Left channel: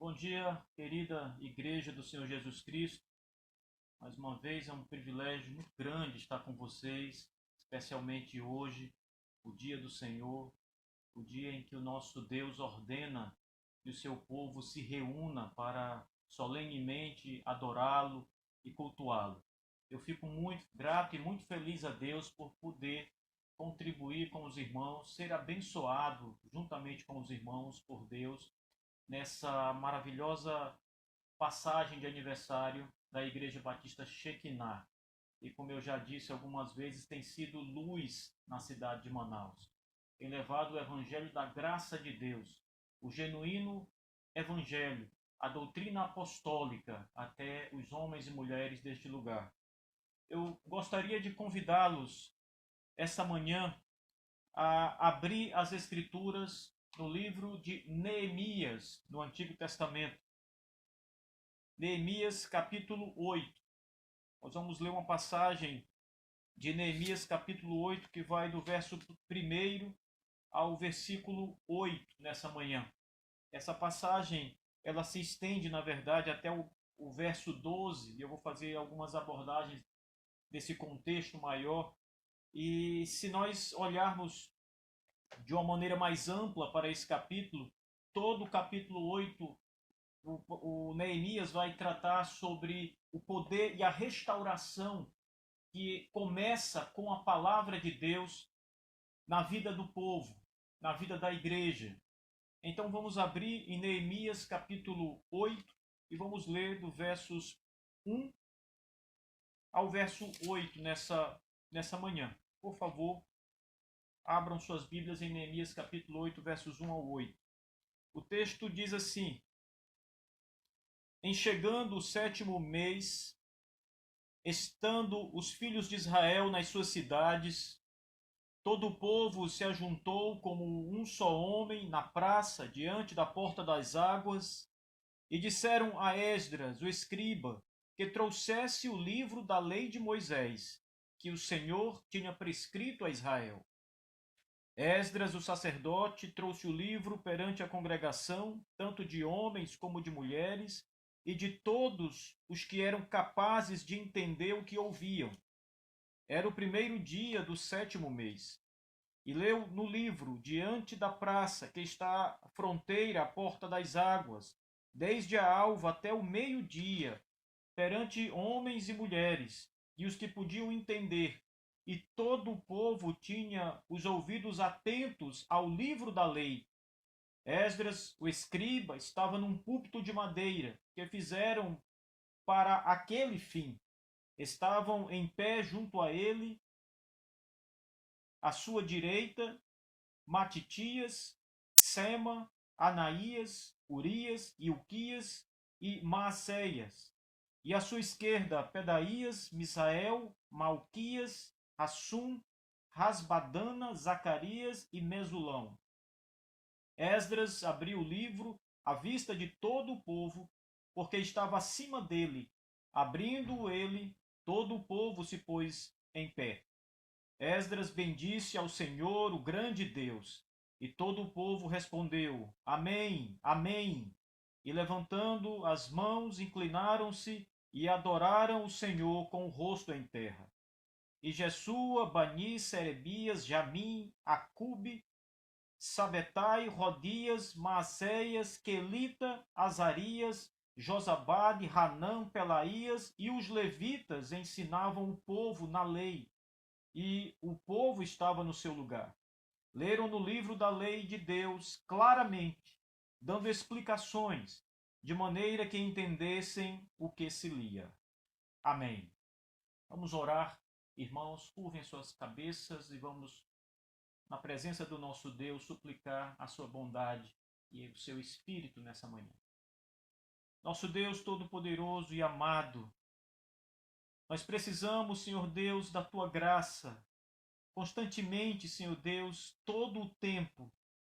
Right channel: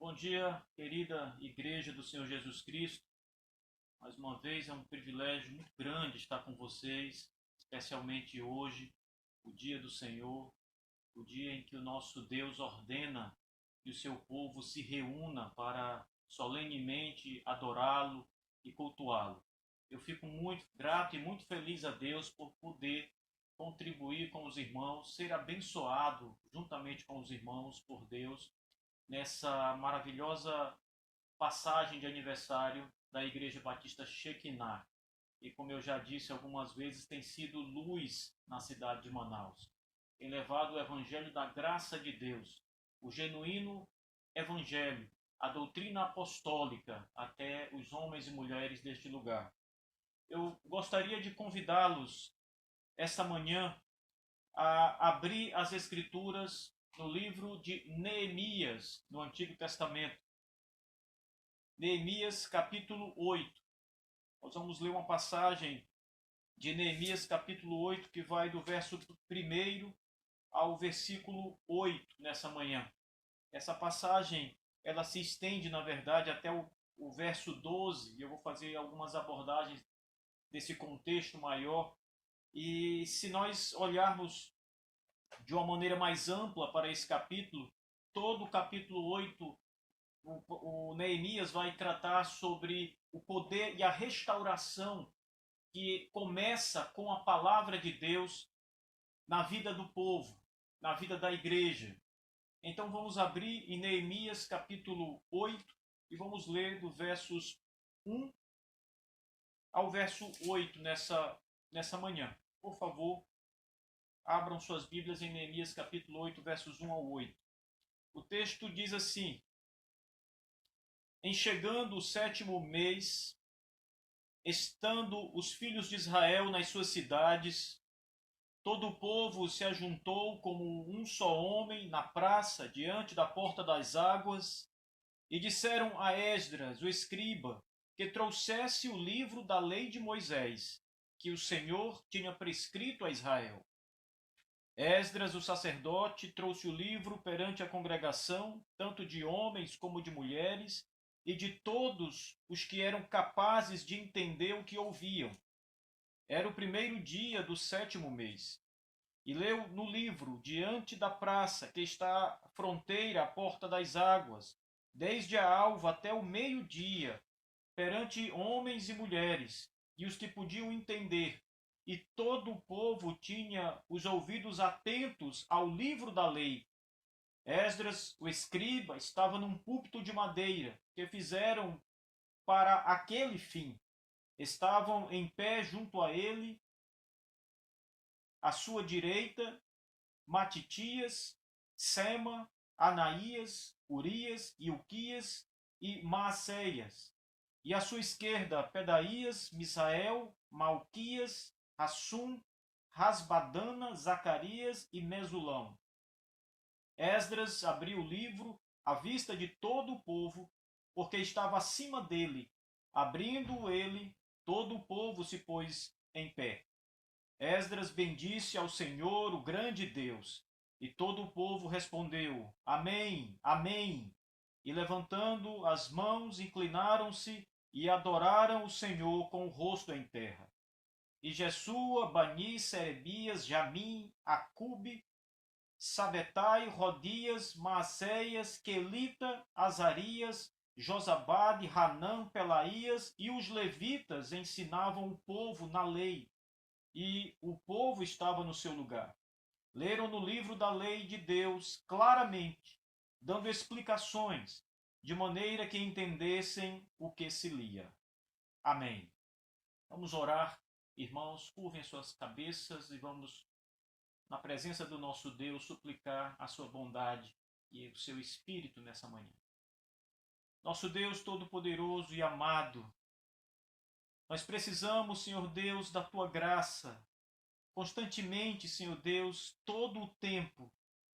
Bom dia, querida Igreja do Senhor Jesus Cristo. Mais uma vez é um privilégio muito grande estar com vocês, especialmente hoje, o dia do Senhor, o dia em que o nosso Deus ordena que o seu povo se reúna para solenemente adorá-lo e cultuá-lo. Eu fico muito grato e muito feliz a Deus por poder contribuir com os irmãos, ser abençoado juntamente com os irmãos por Deus nessa maravilhosa passagem de aniversário da Igreja Batista Shekinah. E como eu já disse algumas vezes, tem sido luz na cidade de Manaus. Tem levado o evangelho da graça de Deus, o genuíno evangelho, a doutrina apostólica até os homens e mulheres deste lugar. Eu gostaria de convidá-los esta manhã a abrir as escrituras no livro de Neemias, no Antigo Testamento. Neemias capítulo 8. Nós vamos ler uma passagem de Neemias capítulo 8 que vai do verso 1 ao versículo 8 nessa manhã. Essa passagem, ela se estende, na verdade, até o verso 12, e eu vou fazer algumas abordagens desse contexto maior. E se nós olharmos de uma maneira mais ampla para esse capítulo, todo o capítulo 8 o Neemias vai tratar sobre o poder e a restauração que começa com a palavra de Deus na vida do povo, na vida da igreja. Então vamos abrir em Neemias capítulo 8 e vamos ler do versos 1 ao verso 8 nessa manhã. Por favor, abram suas Bíblias em Neemias capítulo 8, versos 1 ao 8. O texto diz assim: Em chegando o sétimo mês, estando os filhos de Israel nas suas cidades, todo o povo se ajuntou como um só homem na praça, diante da porta das águas, e disseram a Esdras, o escriba, que trouxesse o livro da lei de Moisés, que o Senhor tinha prescrito a Israel. Esdras, o sacerdote, trouxe o livro perante a congregação, tanto de homens como de mulheres, e de todos os que eram capazes de entender o que ouviam. Era o primeiro dia do sétimo mês. E leu no livro, diante da praça, que está à fronteira, à porta das águas, desde a alva até o meio-dia, perante homens e mulheres, e os que podiam entender. E todo o povo tinha os ouvidos atentos ao livro da lei. Esdras, o escriba, estava num púlpito de madeira, que fizeram para aquele fim. Estavam em pé junto a ele, à sua direita, Matitias, Sema, Anaías, Urias, Ilquias e Maacéias. E à sua esquerda, Pedaías, Misael, Malquias, Assum, Rasbadana, Zacarias e Mesulão. Esdras abriu o livro à vista de todo o povo, porque estava acima dele. Abrindo ele, todo o povo se pôs em pé. Esdras bendisse ao Senhor, o grande Deus. E todo o povo respondeu: Amém, Amém. E levantando as mãos, inclinaram-se e adoraram o Senhor com o rosto em terra. E Jesua, Bani, Serebias, Jamim, Acube, Sabetai, Rodias, Maacéias, Quelita, Azarias, Josabade, Hanã, Pelaías e os levitas ensinavam o povo na lei, e o povo estava no seu lugar. Leram no livro da lei de Deus claramente, dando explicações, de maneira que entendessem o que se lia. Amém. Vamos orar, irmãos, curvem suas cabeças e vamos, na presença do nosso Deus, suplicar a sua bondade e o seu espírito nessa manhã. Nosso Deus Todo-Poderoso e amado, nós precisamos, Senhor Deus, da tua graça. Constantemente, Senhor Deus, todo o tempo,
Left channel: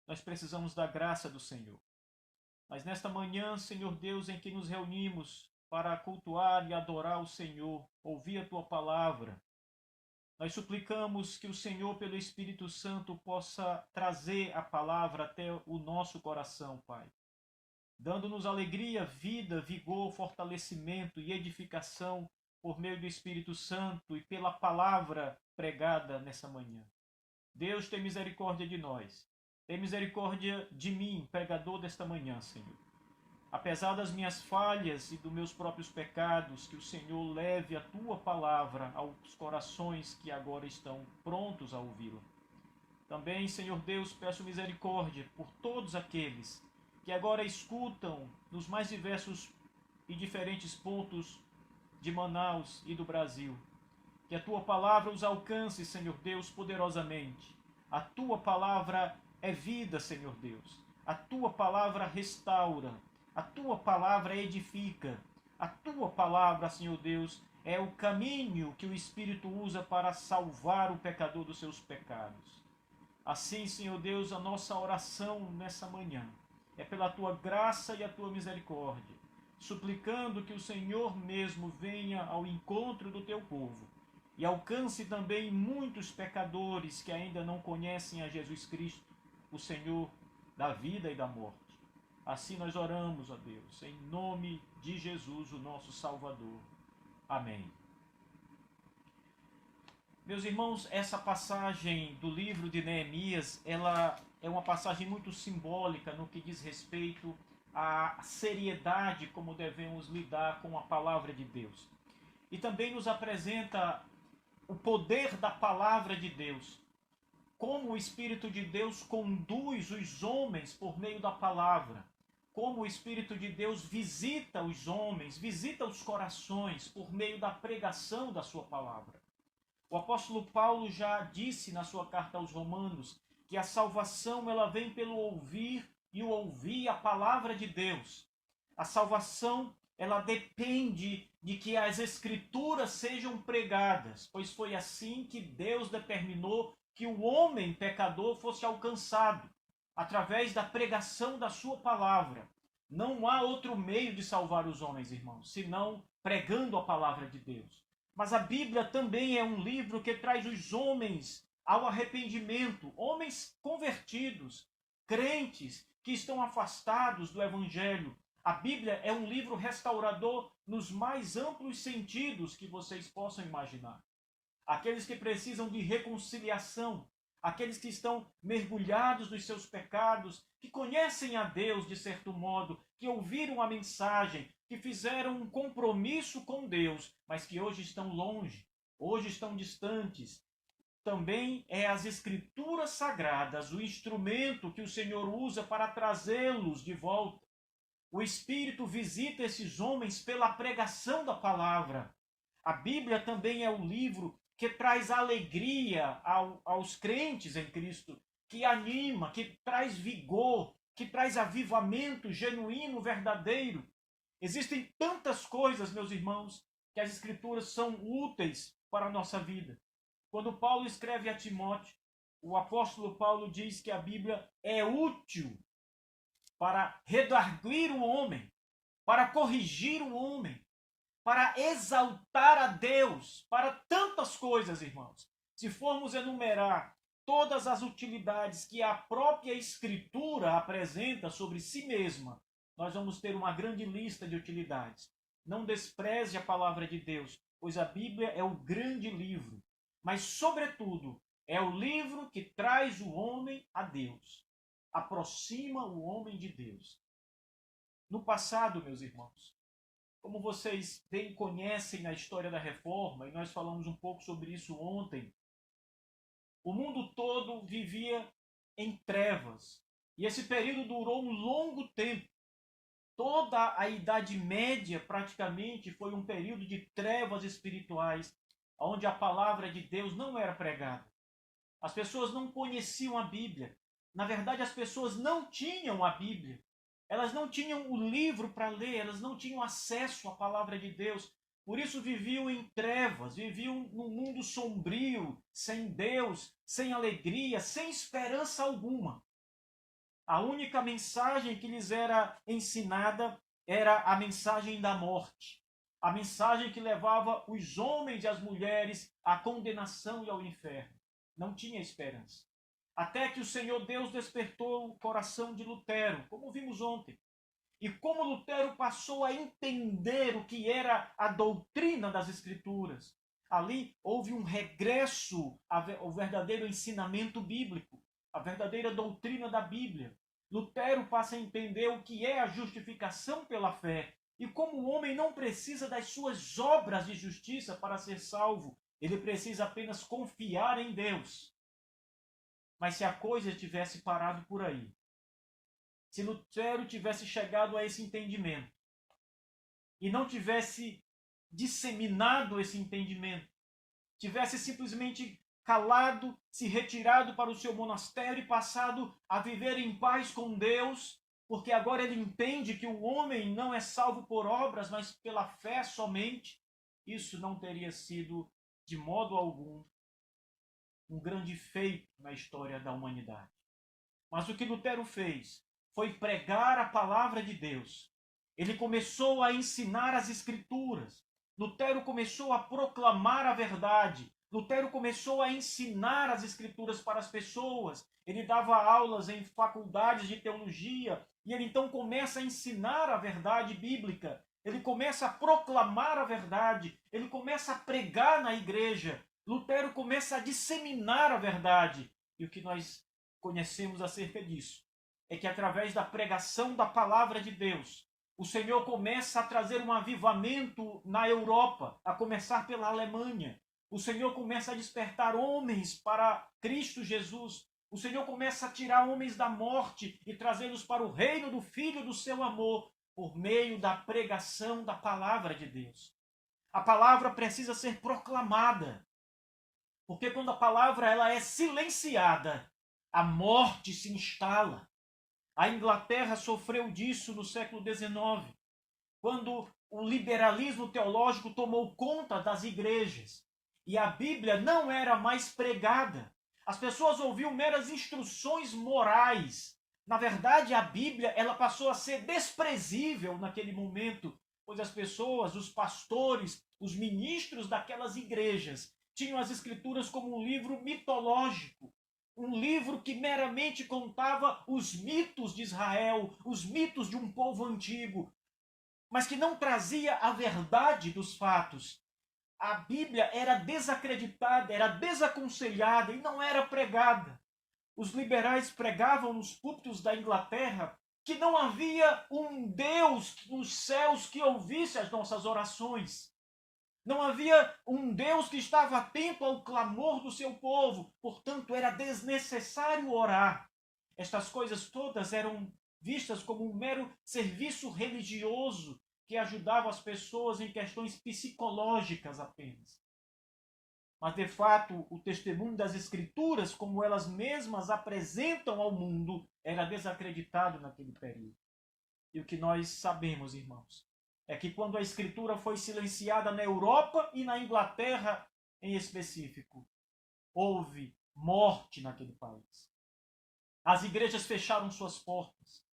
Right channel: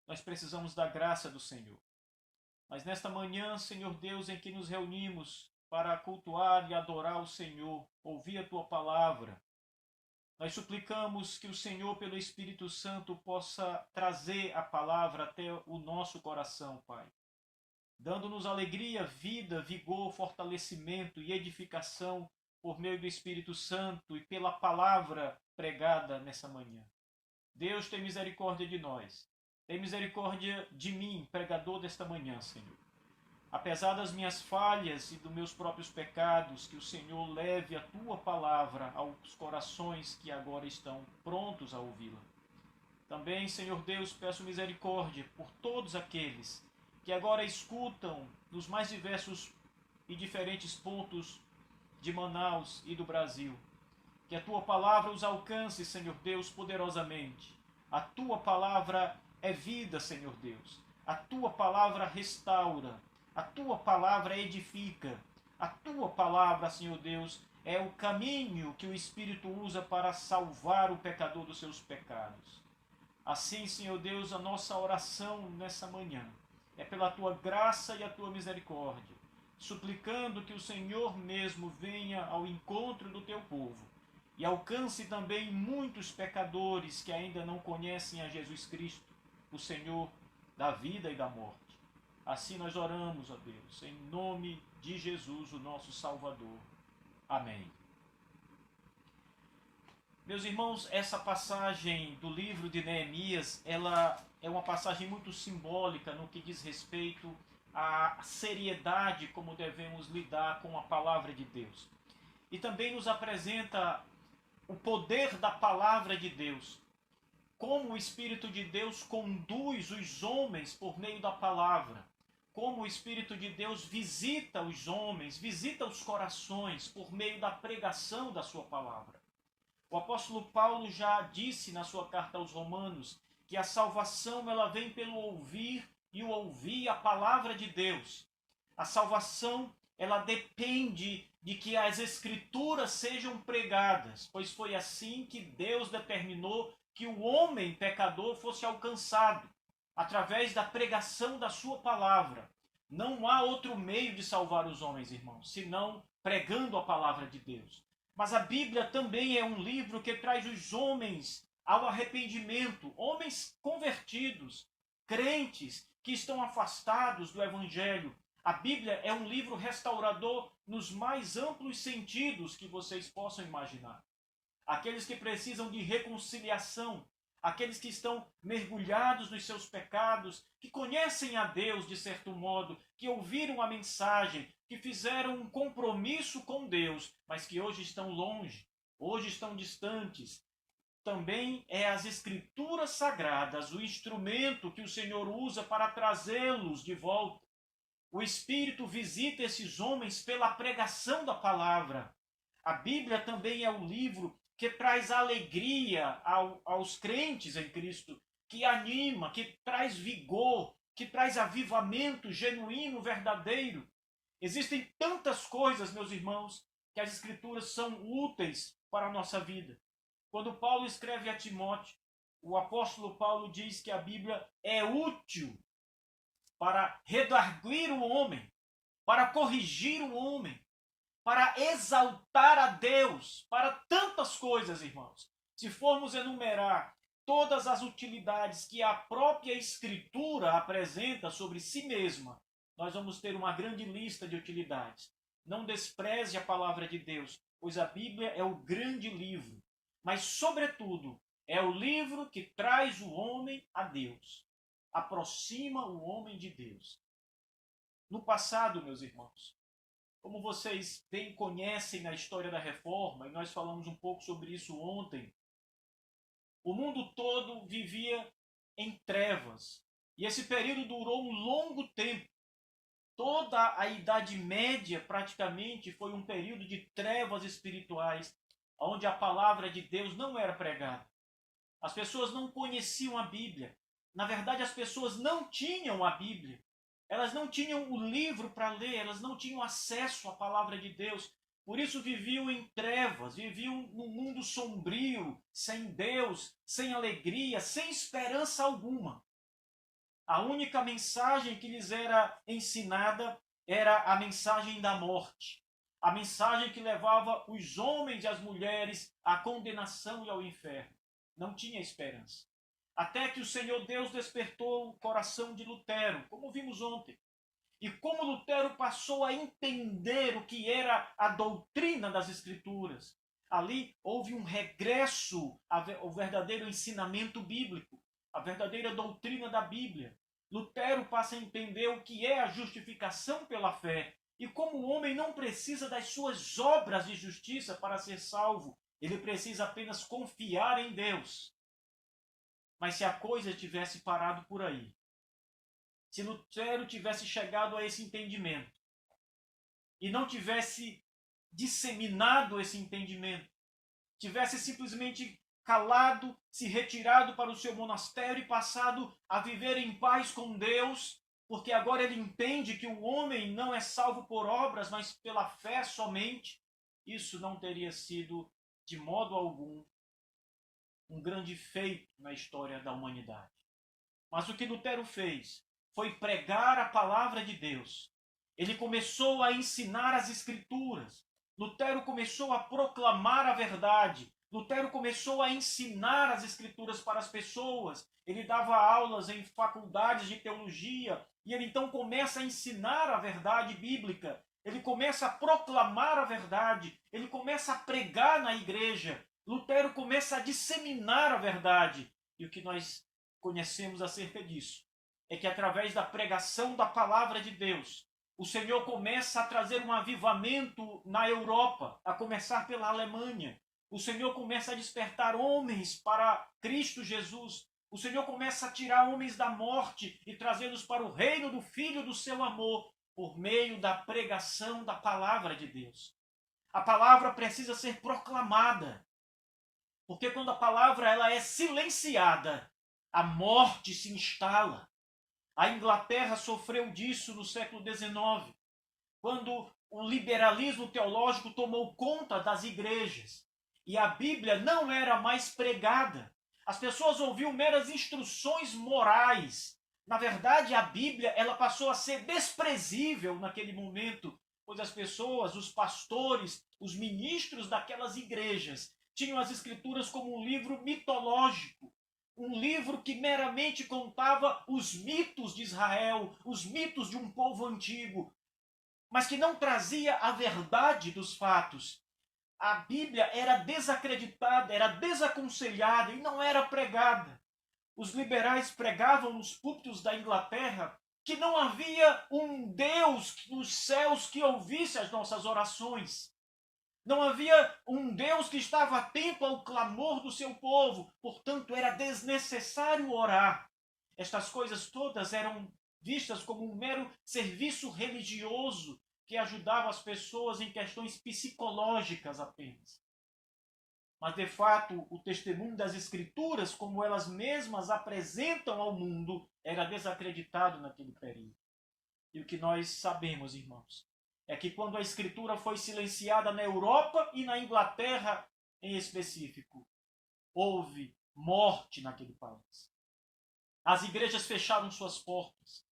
nós precisamos da graça do Senhor. Mas nesta manhã, Senhor Deus, em que nos reunimos para cultuar e adorar o Senhor, ouvir a tua palavra, nós suplicamos que o Senhor, pelo Espírito Santo, possa trazer a palavra até o nosso coração, Pai. dando-nos alegria, vida, vigor, fortalecimento e edificação por meio do Espírito Santo e pela palavra pregada nessa manhã. Deus, tem misericórdia de nós. Tem misericórdia de mim, pregador desta manhã, Senhor. Apesar das minhas falhas e dos meus próprios pecados, que o Senhor leve a tua palavra aos corações que agora estão prontos a ouvi-la. Também, Senhor Deus, peço misericórdia por todos aqueles que agora escutam nos mais diversos e diferentes pontos de Manaus e do Brasil. Que a tua palavra os alcance, Senhor Deus, poderosamente. A tua palavra é vida, Senhor Deus. A tua palavra restaura. A tua palavra edifica. A tua palavra, Senhor Deus, é o caminho que o Espírito usa para salvar o pecador dos seus pecados. Assim, Senhor Deus, a nossa oração nessa manhã é pela tua graça e a tua misericórdia, suplicando que o Senhor mesmo venha ao encontro do teu povo e alcance também muitos pecadores que ainda não conhecem a Jesus Cristo, o Senhor da vida e da morte. Assim nós oramos, ó Deus, em nome de Jesus, o nosso Salvador. Amém. Meus irmãos, essa passagem do livro de Neemias, ela é uma passagem muito simbólica no que diz respeito à seriedade como devemos lidar com a palavra de Deus. E também nos apresenta o poder da palavra de Deus, como o Espírito de Deus conduz os homens por meio da palavra, como o Espírito de Deus visita os homens, visita os corações por meio da pregação da sua palavra. O apóstolo Paulo já disse na sua carta aos Romanos que a salvação ela vem pelo ouvir e o ouvir a palavra de Deus. A salvação ela depende de que as escrituras sejam pregadas, pois foi assim que Deus determinou que o homem pecador fosse alcançado, através da pregação da sua palavra. Não há outro meio de salvar os homens, irmãos, senão pregando a palavra de Deus. Mas a Bíblia também é um livro que traz os homens ao arrependimento, homens convertidos, crentes que estão afastados do Evangelho. A Bíblia é um livro restaurador nos mais amplos sentidos que vocês possam imaginar. Aqueles que precisam de reconciliação, aqueles que estão mergulhados nos seus pecados, que conhecem a Deus de certo modo, que ouviram a mensagem, que fizeram um compromisso com Deus, mas que hoje estão longe, hoje estão distantes. Também é as Escrituras Sagradas o instrumento que o Senhor usa para trazê-los de volta. O Espírito visita esses homens pela pregação da palavra. A Bíblia também é o livro que traz alegria aos crentes em Cristo, que anima, que traz vigor, que traz avivamento genuíno, verdadeiro. Existem tantas coisas, meus irmãos, que as Escrituras são úteis para a nossa vida. Quando Paulo escreve a Timóteo, o apóstolo Paulo diz que a Bíblia é útil para redarguir o homem, para corrigir o homem, para exaltar a Deus, para tantas coisas, irmãos. Se formos enumerar todas as utilidades que a própria Escritura apresenta sobre si mesma, nós vamos ter uma grande lista de utilidades. Não despreze a palavra de Deus, pois a Bíblia é o grande livro, mas, sobretudo, é o livro que traz o homem a Deus, aproxima o homem de Deus. No passado, meus irmãos, como vocês bem conhecem na história da Reforma, e nós falamos um pouco sobre isso ontem, o mundo todo vivia em trevas. E esse período durou um longo tempo. Toda a Idade Média, praticamente, foi um período de trevas espirituais, onde a palavra de Deus não era pregada. As pessoas não conheciam a Bíblia. Na verdade, as pessoas não tinham a Bíblia. Elas não tinham o livro para ler, elas não tinham acesso à palavra de Deus. Por isso viviam em trevas, viviam num mundo sombrio, sem Deus, sem alegria, sem esperança alguma. A única mensagem que lhes era ensinada era a mensagem da morte. A mensagem que levava os homens e as mulheres à condenação e ao inferno. Não tinha esperança. Até que o Senhor Deus despertou o coração de Lutero, como vimos ontem. E como Lutero passou a entender o que era a doutrina das Escrituras, ali houve um regresso ao verdadeiro ensinamento bíblico, a verdadeira doutrina da Bíblia. Lutero passa a entender o que é a justificação pela fé e como o homem não precisa das suas obras de justiça para ser salvo, ele precisa apenas confiar em Deus. Mas se a coisa tivesse parado por aí, se Lutero tivesse chegado a esse entendimento e não tivesse disseminado esse entendimento, tivesse simplesmente calado, se retirado para o seu monastério e passado a viver em paz com Deus, porque agora ele entende que o homem não é salvo por obras, mas pela fé somente, isso não teria sido, de modo algum, um grande feito na história da humanidade. Mas o que Lutero fez foi pregar a palavra de Deus. Ele começou a ensinar as Escrituras. Lutero começou a proclamar a verdade. Lutero começou a ensinar as Escrituras para as pessoas. Ele dava aulas em faculdades de teologia e ele então começa a ensinar a verdade bíblica. Ele começa a proclamar a verdade. Ele começa a pregar na igreja. Lutero começa a disseminar a verdade. E o que nós conhecemos acerca disso é que através da pregação da palavra de Deus, o Senhor começa a trazer um avivamento na Europa, a começar pela Alemanha. O Senhor começa a despertar homens para Cristo Jesus. O Senhor começa a tirar homens da morte e trazê-los para o reino do Filho do seu amor, por meio da pregação da palavra de Deus. A palavra precisa ser proclamada, porque quando a palavra ela é silenciada, a morte se instala. A Inglaterra sofreu disso no século XIX, quando o liberalismo teológico tomou conta das igrejas e a Bíblia não era mais pregada. As pessoas ouviam meras instruções morais. Na verdade, a Bíblia ela passou a ser desprezível naquele momento, pois as pessoas, os pastores, os ministros daquelas igrejas tinham as Escrituras como um livro mitológico, um livro que meramente contava os mitos de Israel, os mitos de um povo antigo, mas que não trazia a verdade dos fatos. A Bíblia era desacreditada, era desaconselhada e não era pregada. Os liberais pregavam nos púlpitos da Inglaterra que não havia um Deus nos céus que ouvisse as nossas orações. Não havia um Deus que estava atento ao clamor do seu povo, portanto era desnecessário orar. Estas coisas todas eram vistas como um mero serviço religioso que ajudava as pessoas em questões psicológicas apenas. Mas, de fato, o testemunho das Escrituras, como elas mesmas apresentam ao mundo, era desacreditado naquele período. E o que nós sabemos, irmãos, é que quando a Escritura foi silenciada na Europa e na Inglaterra em específico, houve morte naquele país. As igrejas fecharam suas portas.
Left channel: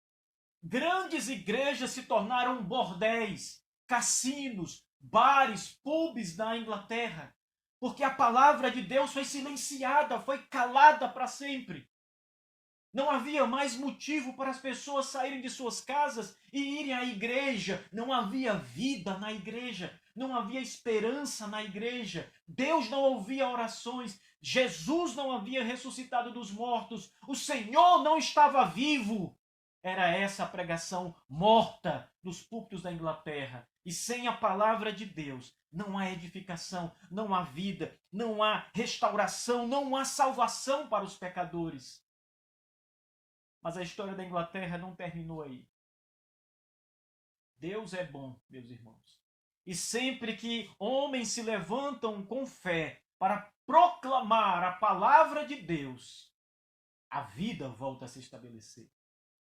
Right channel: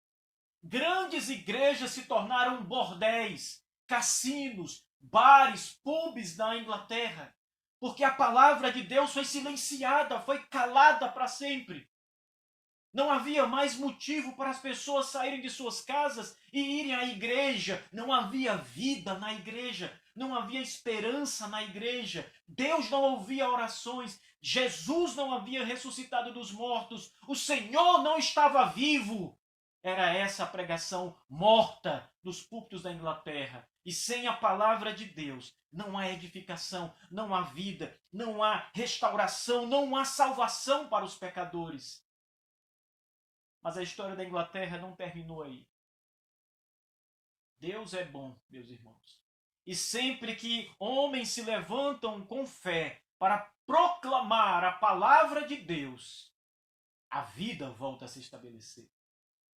Grandes igrejas se tornaram bordéis, cassinos, bares, pubs na Inglaterra, porque a palavra de Deus foi silenciada, foi calada para sempre. Não havia mais motivo para as pessoas saírem de suas casas e irem à igreja. Não havia vida na igreja. Não havia esperança na igreja. Deus não ouvia orações. Jesus não havia ressuscitado dos mortos. O Senhor não estava vivo. Era essa a pregação morta dos púlpitos da Inglaterra. E sem a palavra de Deus, não há edificação, não há vida, não há restauração, não há salvação para os pecadores. Mas a história da Inglaterra não terminou aí. Deus é bom, meus irmãos. E sempre que homens se levantam com fé para proclamar a palavra de Deus, a vida volta a se estabelecer.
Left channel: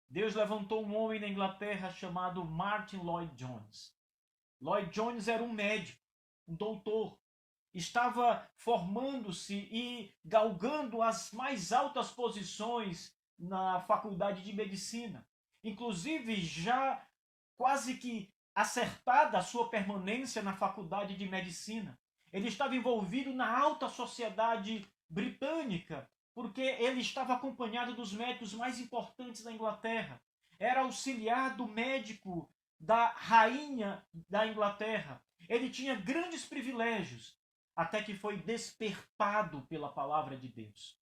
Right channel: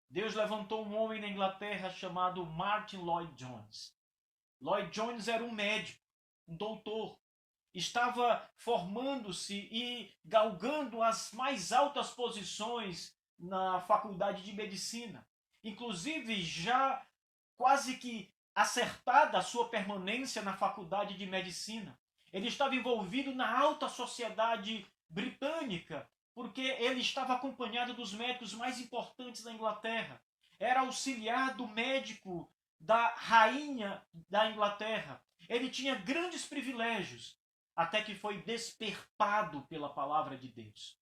Deus levantou um homem na Inglaterra chamado Martin Lloyd Jones. Lloyd Jones era um médico, um doutor. Estava formando-se e galgando as mais altas posições na faculdade de medicina. Inclusive, já quase que acertada a sua permanência na faculdade de medicina. Ele estava envolvido na alta sociedade britânica, porque ele estava acompanhado dos médicos mais importantes da Inglaterra. era auxiliar do médico da rainha da Inglaterra. Ele tinha grandes privilégios, até que foi despertado pela palavra de Deus.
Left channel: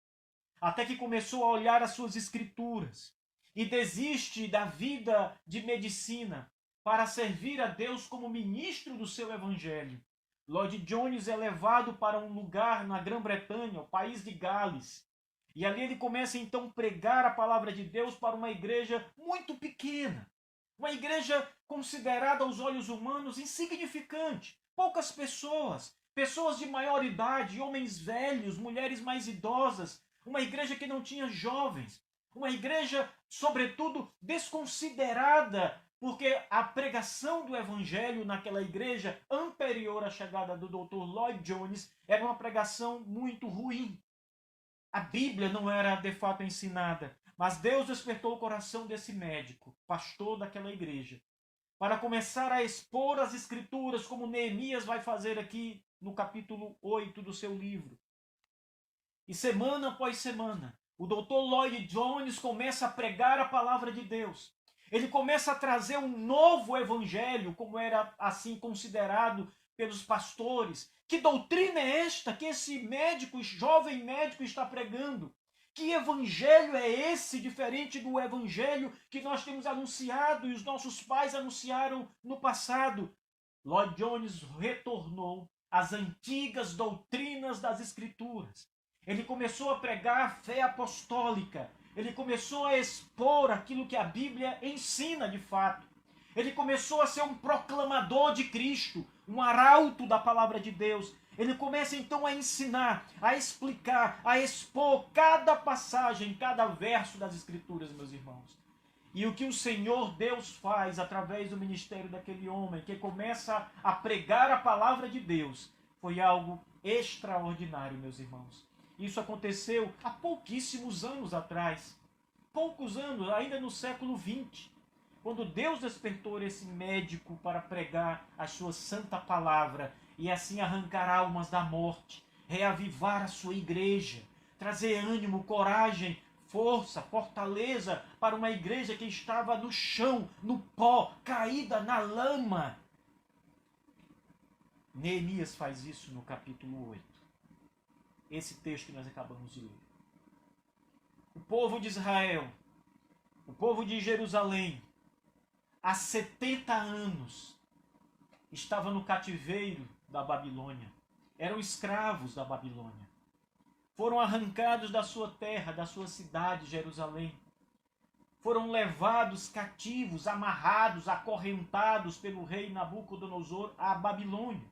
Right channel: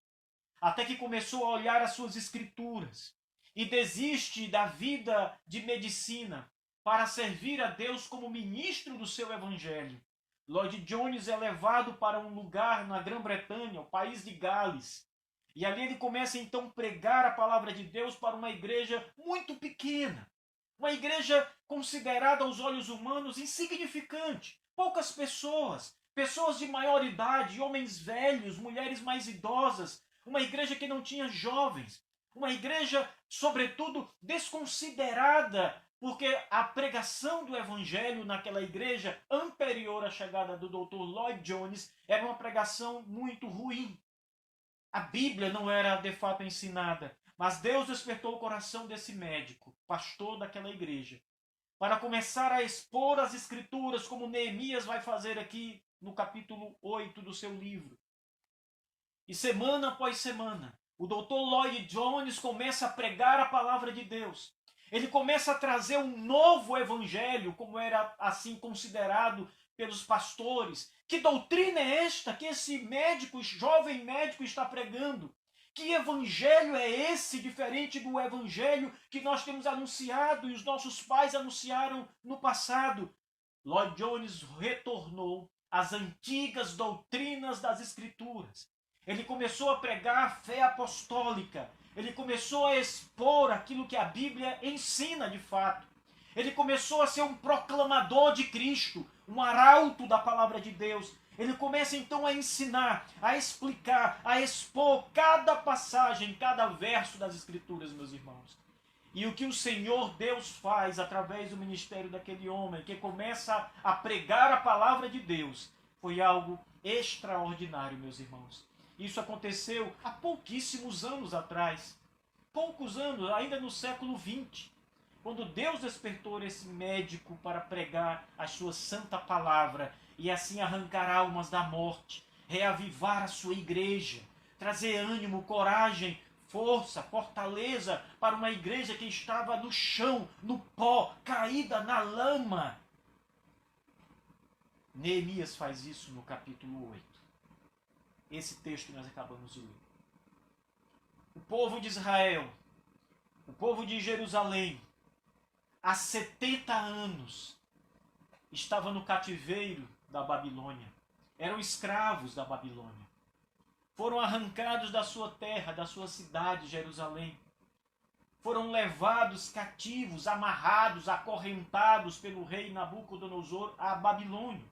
Até que começou a olhar as suas escrituras e desiste da vida de medicina para servir a Deus como ministro do seu evangelho. Lloyd Jones é levado para um lugar na Grã-Bretanha, o país de Gales. E ali ele começa então a pregar a palavra de Deus para uma igreja muito pequena. Uma igreja considerada aos olhos humanos insignificante. Poucas pessoas, pessoas de maior idade, homens velhos, mulheres mais idosas. Uma igreja que não tinha jovens. Uma igreja, sobretudo, desconsiderada, porque a pregação do evangelho naquela igreja anterior à chegada do Dr. Lloyd Jones era uma pregação muito ruim. A Bíblia não era de fato ensinada, mas Deus despertou o coração desse médico, pastor daquela igreja, para começar a expor as escrituras, como Neemias vai fazer aqui no capítulo 8 do seu livro. E semana após semana, o Dr. Lloyd Jones começa a pregar a palavra de Deus. Ele começa a trazer um novo evangelho, como era assim considerado pelos pastores. Que doutrina é esta que esse médico, jovem médico, está pregando? Que evangelho é esse, diferente do evangelho que nós temos anunciado e os nossos pais anunciaram no passado? Lloyd Jones retornou às antigas doutrinas das Escrituras. Ele começou a pregar a fé apostólica. Ele começou a expor aquilo que a Bíblia ensina de fato. Ele começou a ser um proclamador de Cristo, um arauto da palavra de Deus. Ele começa então a ensinar, a explicar, a expor cada passagem, cada verso das Escrituras, meus irmãos. E o que o Senhor Deus faz através do ministério daquele homem que começa a pregar a palavra de Deus foi algo extraordinário, meus irmãos. Isso aconteceu há pouquíssimos anos atrás. Poucos anos, ainda no século XX. Quando Deus despertou esse médico para pregar a sua santa palavra e assim arrancar almas da morte, reavivar a sua igreja, trazer ânimo, coragem, força, fortaleza para uma igreja que estava no chão, no pó, caída na lama. Neemias faz isso no capítulo 8. Esse texto que nós acabamos de ler. O povo de Israel, o povo de Jerusalém, há 70 anos, estava no cativeiro da Babilônia. Eram escravos da Babilônia. Foram arrancados da sua terra, da sua cidade, Jerusalém. Foram levados cativos, amarrados, acorrentados pelo rei Nabucodonosor à Babilônia.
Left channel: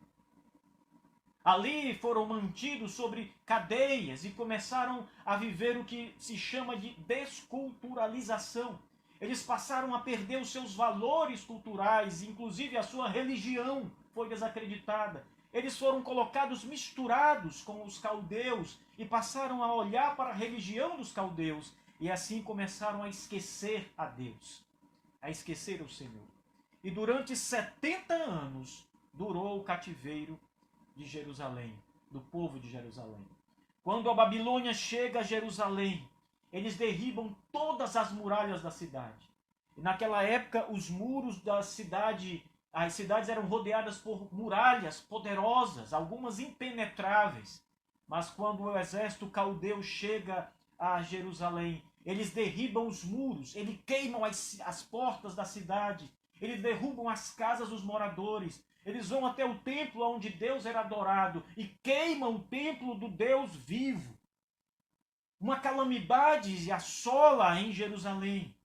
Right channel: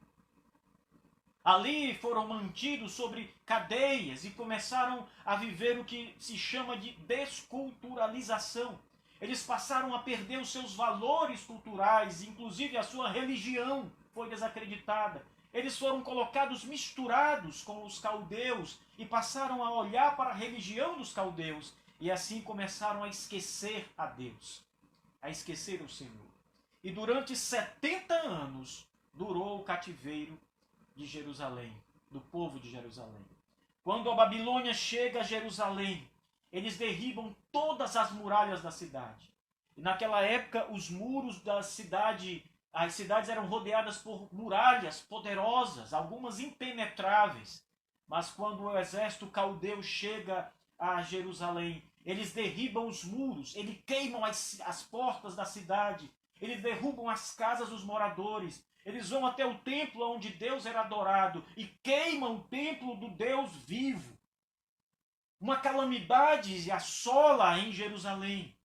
Ali foram mantidos sobre cadeias e começaram a viver o que se chama de desculturalização. Eles passaram a perder os seus valores culturais, inclusive a sua religião foi desacreditada. Eles foram colocados misturados com os caldeus e passaram a olhar para a religião dos caldeus e assim começaram a esquecer a Deus, a esquecer o Senhor. E durante 70 anos durou o cativeiro de Jerusalém, do povo de Jerusalém. Quando a Babilônia chega a Jerusalém, eles derribam todas as muralhas da cidade. E naquela época, os muros da cidade, as cidades eram rodeadas por muralhas poderosas, algumas impenetráveis. Mas quando o exército caldeu chega a Jerusalém, eles derribam os muros, eles queimam as portas da cidade, eles derrubam as casas dos moradores, eles vão até o templo onde Deus era adorado e queimam o templo do Deus vivo. Uma calamidade assola em Jerusalém.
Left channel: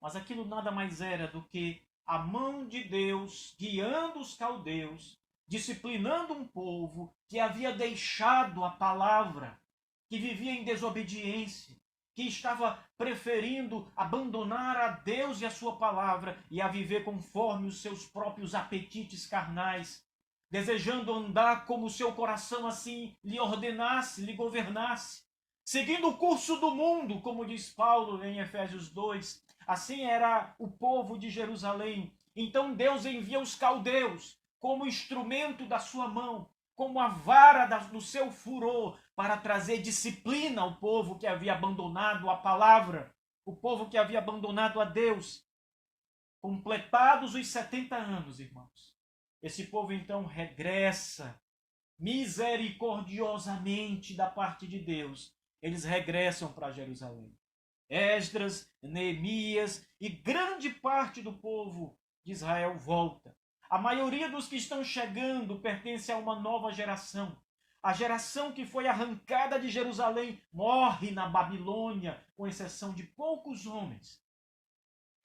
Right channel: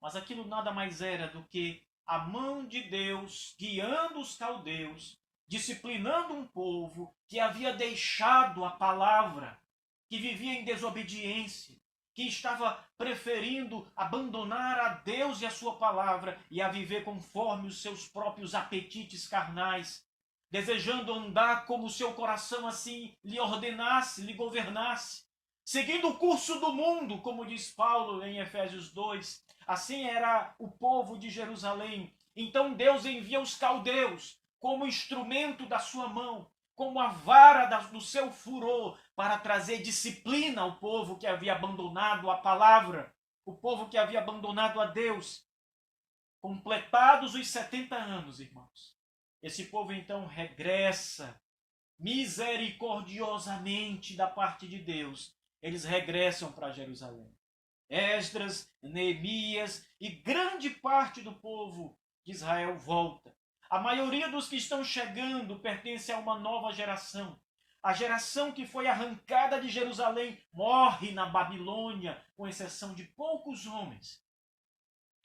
Mas aquilo nada mais era do que a mão de Deus guiando os caldeus, disciplinando um povo que havia deixado a palavra, que vivia em desobediência, que estava preferindo abandonar a Deus e a sua palavra e a viver conforme os seus próprios apetites carnais, desejando andar como o seu coração assim lhe ordenasse, lhe governasse, seguindo o curso do mundo, como diz Paulo em Efésios 2. Assim era o povo de Jerusalém. Então Deus envia os caldeus como instrumento da sua mão, como a vara do seu furor, para trazer disciplina ao povo que havia abandonado a palavra. o povo que havia abandonado a Deus, completados os 70 anos, irmãos. Esse povo então regressa misericordiosamente da parte de Deus. Eles regressam para Jerusalém. Esdras, Neemias e grande parte do povo de Israel volta. A maioria dos que estão chegando pertence a uma nova geração. A geração que foi arrancada de Jerusalém morre na Babilônia, com exceção de poucos homens.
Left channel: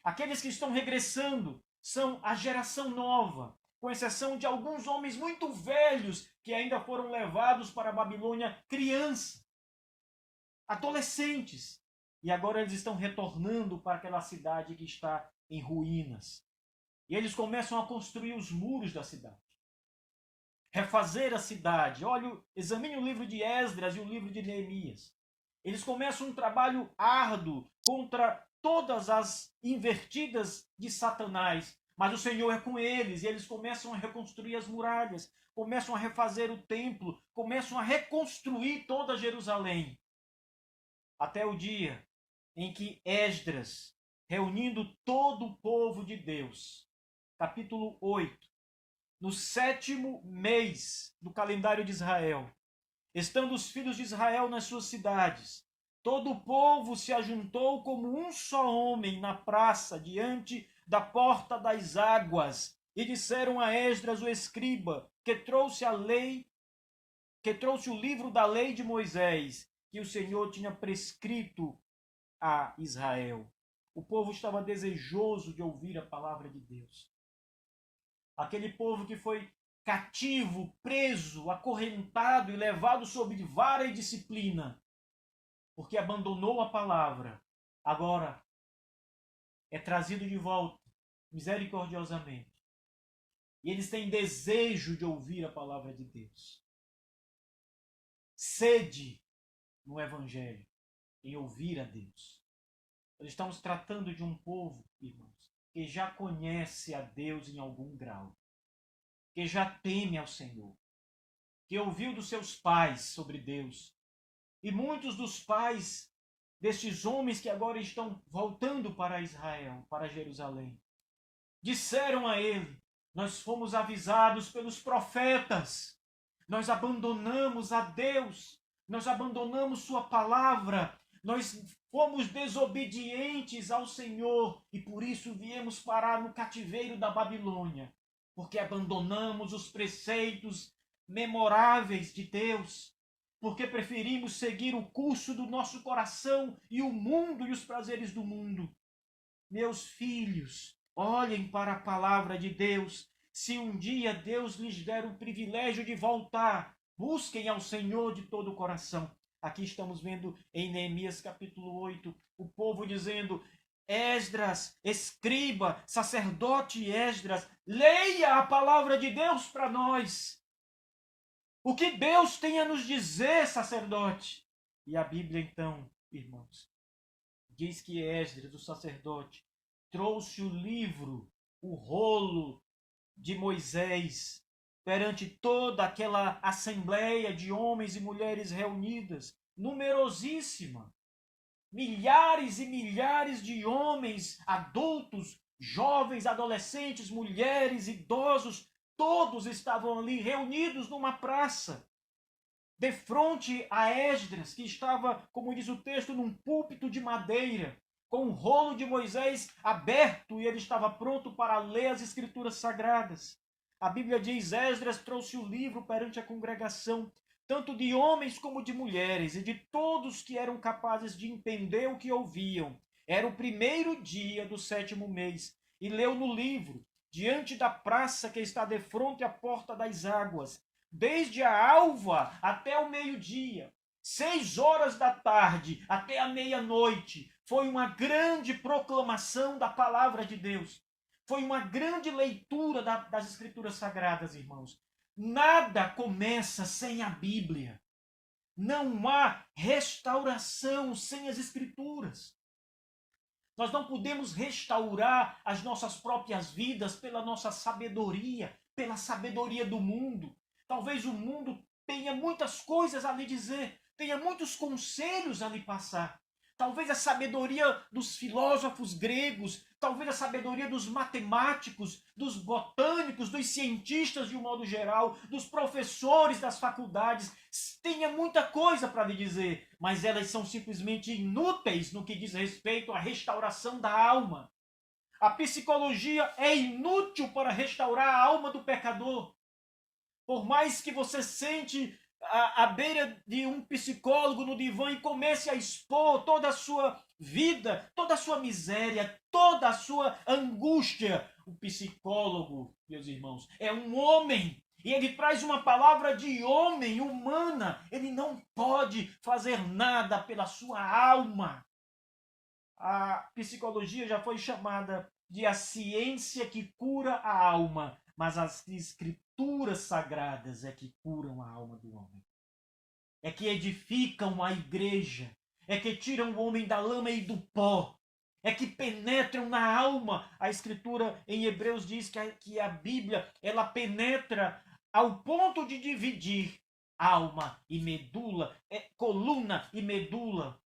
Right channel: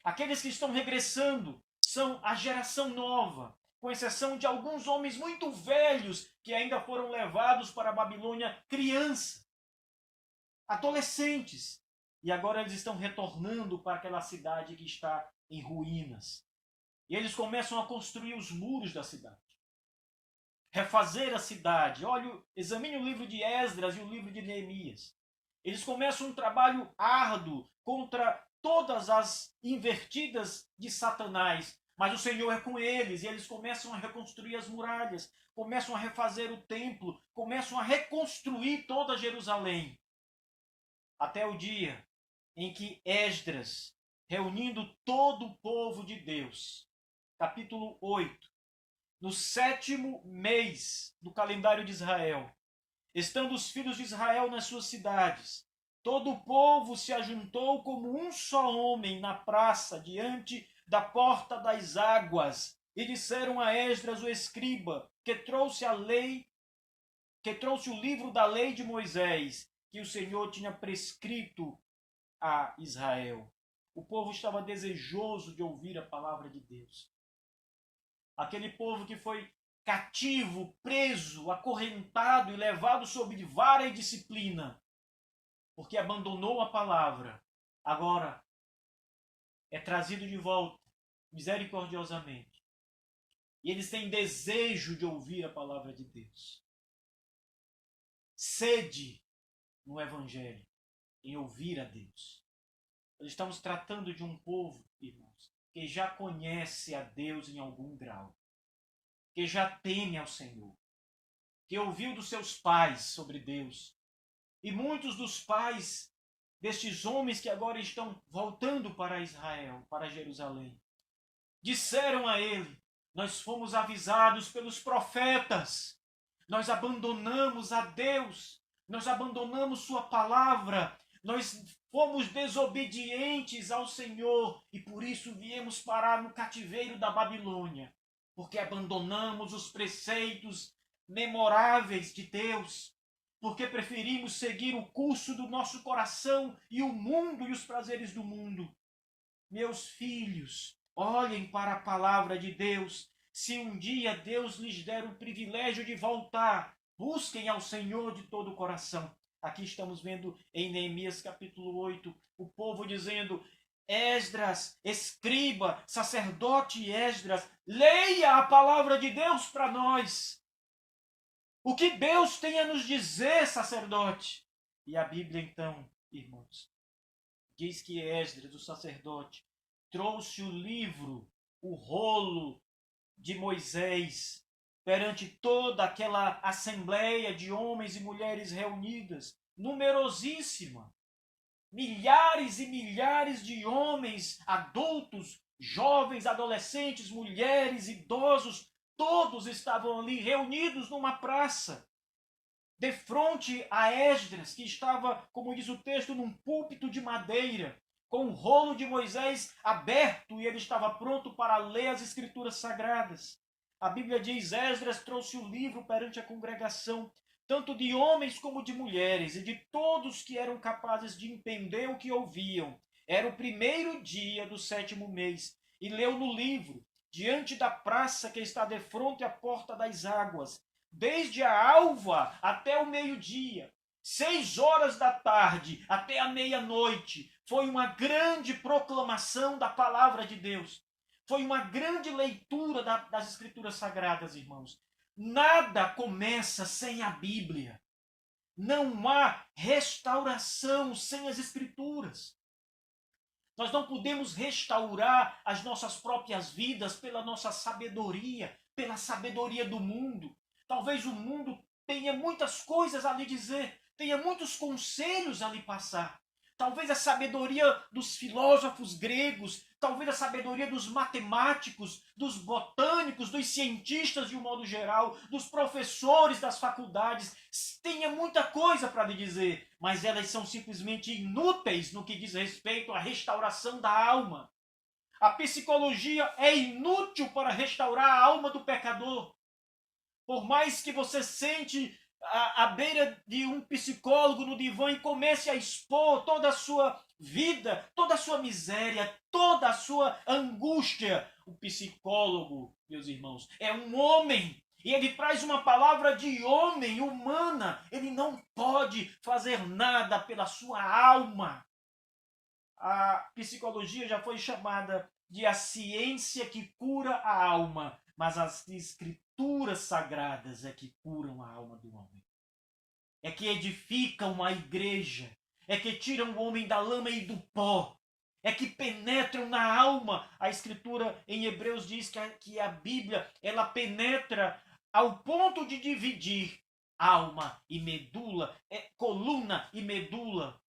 Aqueles que estão regressando são a geração nova, com exceção de alguns homens muito velhos que ainda foram levados para a Babilônia criança, adolescentes. E agora eles estão retornando para aquela cidade que está em ruínas. E eles começam a construir os muros da cidade. Refazer a cidade. Olha, examine o livro de Esdras e o livro de Neemias. Eles começam um trabalho árduo contra todas as invertidas de Satanás. Mas o Senhor é com eles e eles começam a reconstruir as muralhas, começam a refazer o templo, começam a reconstruir toda Jerusalém. Até o dia em que Esdras, reunindo todo o povo de Deus, capítulo 8, no 7º mês do calendário de Israel, estando os filhos de Israel nas suas cidades, todo o povo se ajuntou como um só homem na praça, diante da porta das águas, e disseram a Esdras, o escriba, que trouxe a lei, que trouxe o livro da lei de Moisés, que o Senhor tinha prescrito a Israel. O povo estava desejoso de ouvir a palavra de Deus. Aquele povo que foi cativo, preso, acorrentado e levado sob vara e disciplina, porque abandonou a palavra, agora é trazido de volta misericordiosamente. E eles têm desejo de ouvir a palavra de Deus. Sede no Evangelho, em ouvir a Deus. Nós estamos tratando de um povo, irmãos, que já conhece a Deus em algum grau, que já teme ao Senhor, que ouviu dos seus pais sobre Deus. E muitos dos pais destes homens que agora estão voltando para Israel, para Jerusalém, disseram a ele: nós fomos avisados pelos profetas, nós abandonamos a Deus, nós abandonamos sua palavra, nós fomos desobedientes ao Senhor e por isso viemos parar no cativeiro da Babilônia, porque abandonamos os preceitos memoráveis de Deus, porque preferimos seguir o curso do nosso coração e o mundo e os prazeres do mundo. Meus filhos, olhem para a palavra de Deus. Se um dia Deus lhes der o privilégio de voltar, busquem ao Senhor de todo o coração. Aqui estamos vendo em Neemias capítulo 8, o povo dizendo: Esdras, escriba, sacerdote Esdras, leia a palavra de Deus para nós. O que Deus tem a nos dizer, sacerdote? E a Bíblia então, irmãos, diz que Esdras, o sacerdote, trouxe o livro, o rolo de Moisés, perante toda aquela assembleia de homens e mulheres reunidas, numerosíssima. Milhares e milhares de homens, adultos, jovens, adolescentes, mulheres, idosos, todos estavam ali reunidos numa praça, de frente a Esdras, que estava, como diz o texto, num púlpito de madeira, com o rolo de Moisés aberto, e ele estava pronto para ler as escrituras sagradas. A Bíblia diz: Esdras trouxe o livro perante a congregação, tanto de homens como de mulheres, e de todos que eram capazes de entender o que ouviam. Era o 1º dia do 7º mês, e leu no livro, diante da praça que está de frente à porta das águas, desde a alva até o meio-dia, 6 horas da tarde até a meia-noite. Foi uma grande proclamação da palavra de Deus. Foi uma grande leitura das Escrituras Sagradas, irmãos. Nada começa sem a Bíblia. Não há restauração sem as Escrituras. Nós não podemos restaurar as nossas próprias vidas pela nossa sabedoria, pela sabedoria do mundo. Talvez o mundo tenha muitas coisas a lhe dizer, tenha muitos conselhos a lhe passar. talvez a sabedoria dos filósofos gregos, talvez a sabedoria dos matemáticos, dos botânicos, dos cientistas de um modo geral, dos professores das faculdades, tenha muita coisa para lhe dizer, mas elas são simplesmente inúteis no que diz respeito à restauração da alma. A psicologia é inútil para restaurar a alma do pecador. Por mais que você sente à beira de um psicólogo no divã e comece a expor toda a sua vida, toda a sua miséria, toda a sua angústia, o psicólogo, meus irmãos, é um homem. E ele traz uma palavra de homem, humana. Ele não pode fazer nada pela sua alma. A psicologia já foi chamada de a ciência que cura a alma, mas as escrituras sagradas é que curam a alma do homem. É que edificam a igreja, é que tiram o homem da lama e do pó, é que penetram na alma. A escritura em Hebreus diz que a Bíblia ela penetra ao ponto de dividir alma e medula, coluna e medula.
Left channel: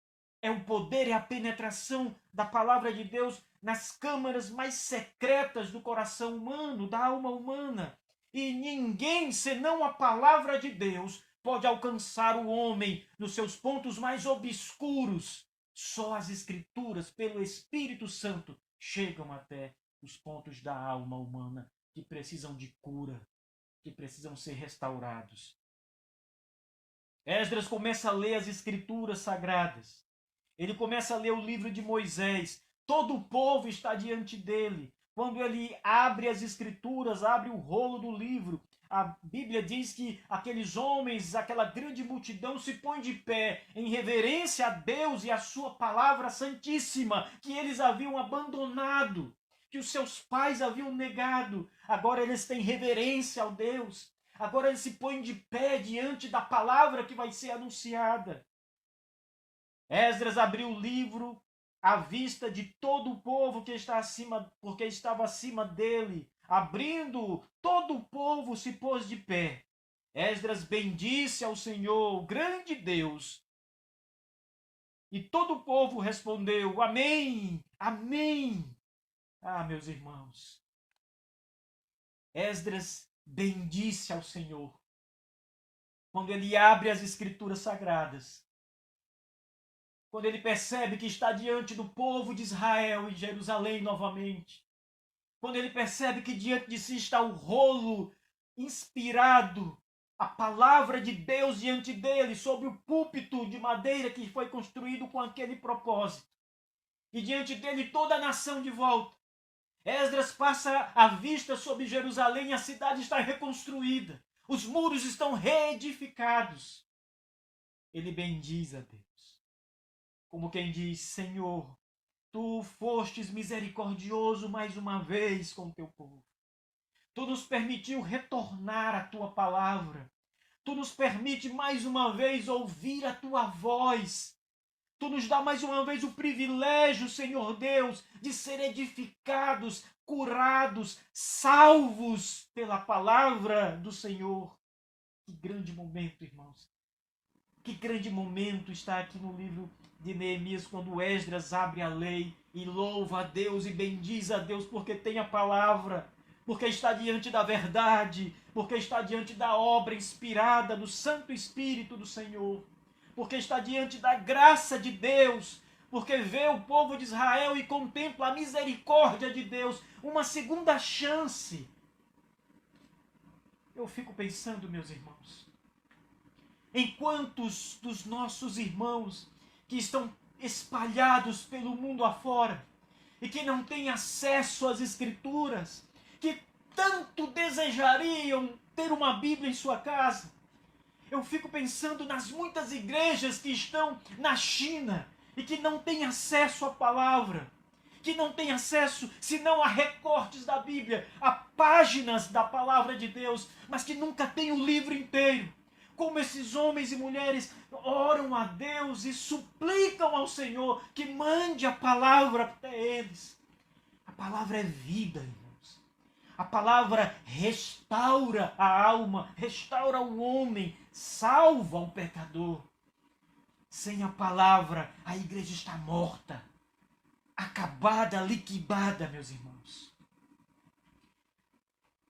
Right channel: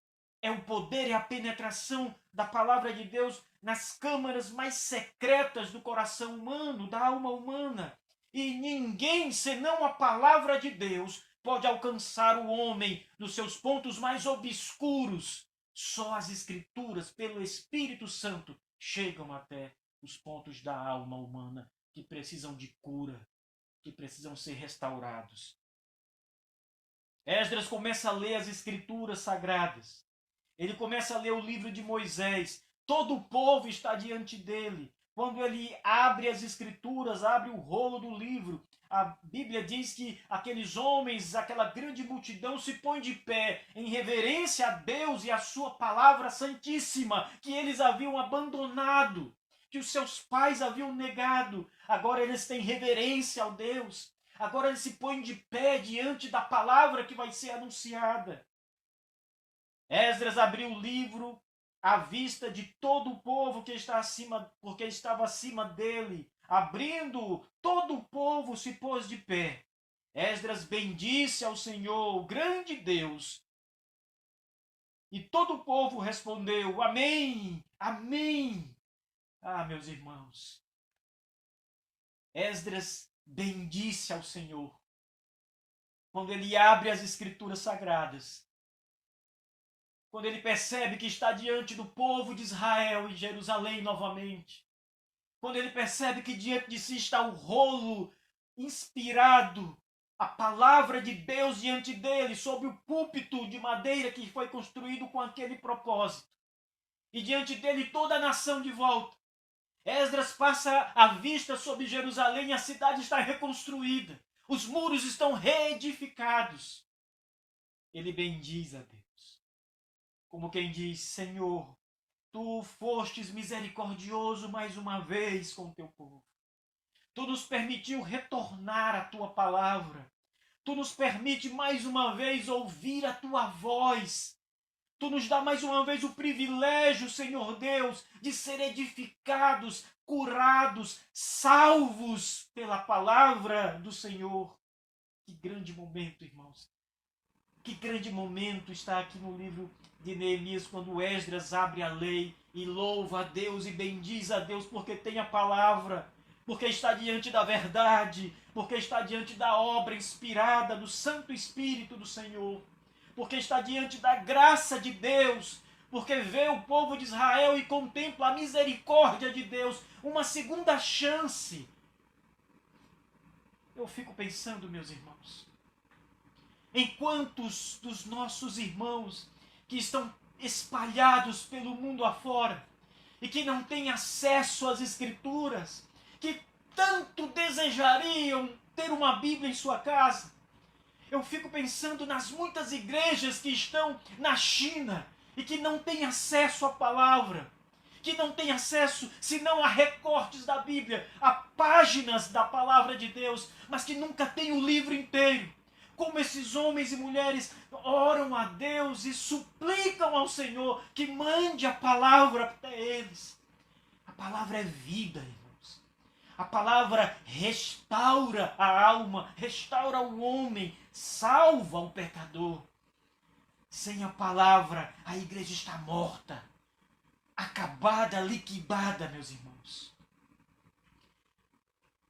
É o poder e a penetração da palavra de Deus nas câmaras mais secretas do coração humano, da alma humana. E ninguém, senão a palavra de Deus, pode alcançar o homem nos seus pontos mais obscuros. Só as Escrituras, pelo Espírito Santo, chegam até os pontos da alma humana que precisam de cura, que precisam ser restaurados. Esdras começa a ler as Escrituras sagradas. Ele começa a ler o livro de Moisés. Todo o povo está diante dele. Quando ele abre as Escrituras, abre o rolo do livro, a Bíblia diz que aqueles homens, aquela grande multidão se põe de pé em reverência a Deus e a sua palavra santíssima, que eles haviam abandonado, que os seus pais haviam negado. Agora eles têm reverência ao Deus. Agora eles se põem de pé diante da palavra que vai ser anunciada. Esdras abriu o livro à vista de todo o povo que está acima, porque estava acima dele. Abrindo, todo o povo se pôs de pé. Esdras bendisse ao Senhor, o grande Deus. E todo o povo respondeu: Amém, Amém. Ah, meus irmãos, Esdras bendisse ao Senhor. Quando ele abre as Escrituras Sagradas, quando ele percebe que está diante do povo de Israel e Jerusalém novamente, quando ele percebe que diante de si está o rolo inspirado, a palavra de Deus diante dele, sobre o púlpito de madeira que foi construído com aquele propósito, e diante dele toda a nação de volta. Esdras passa a vista sobre Jerusalém e a cidade está reconstruída, os muros estão reedificados. Ele bendiz a Deus, como quem diz: Senhor, tu fostes misericordioso mais uma vez com o teu povo. Tu nos permitiu retornar à tua palavra. Tu nos permite mais uma vez ouvir a tua voz. Tu nos dá mais uma vez o privilégio, Senhor Deus, de ser edificados, curados, salvos pela palavra do Senhor. Que grande momento, irmãos. Que grande momento está aqui no livro de Neemias, quando Esdras abre a lei e louva a Deus e bendiz a Deus porque tem a palavra, porque está diante da verdade, porque está diante da obra inspirada do Santo Espírito do Senhor, porque está diante da graça de Deus, porque vê o povo de Israel e contempla a misericórdia de Deus, uma segunda chance. Eu fico pensando, meus irmãos, em quantos dos nossos irmãos que estão espalhados pelo mundo afora e que não têm acesso às Escrituras, que tanto desejariam ter uma Bíblia em sua casa. Eu fico pensando nas muitas igrejas que estão na China e que não têm acesso à palavra, que não têm acesso senão a recortes da Bíblia, a páginas da palavra de Deus, mas que nunca têm o livro inteiro. Como esses homens e mulheres oram a Deus e suplicam ao Senhor que mande a palavra para eles. A palavra é vida, irmãos. A palavra restaura a alma, restaura o homem, salva o pecador. Sem a palavra, a igreja está morta, acabada, liquidada, meus irmãos.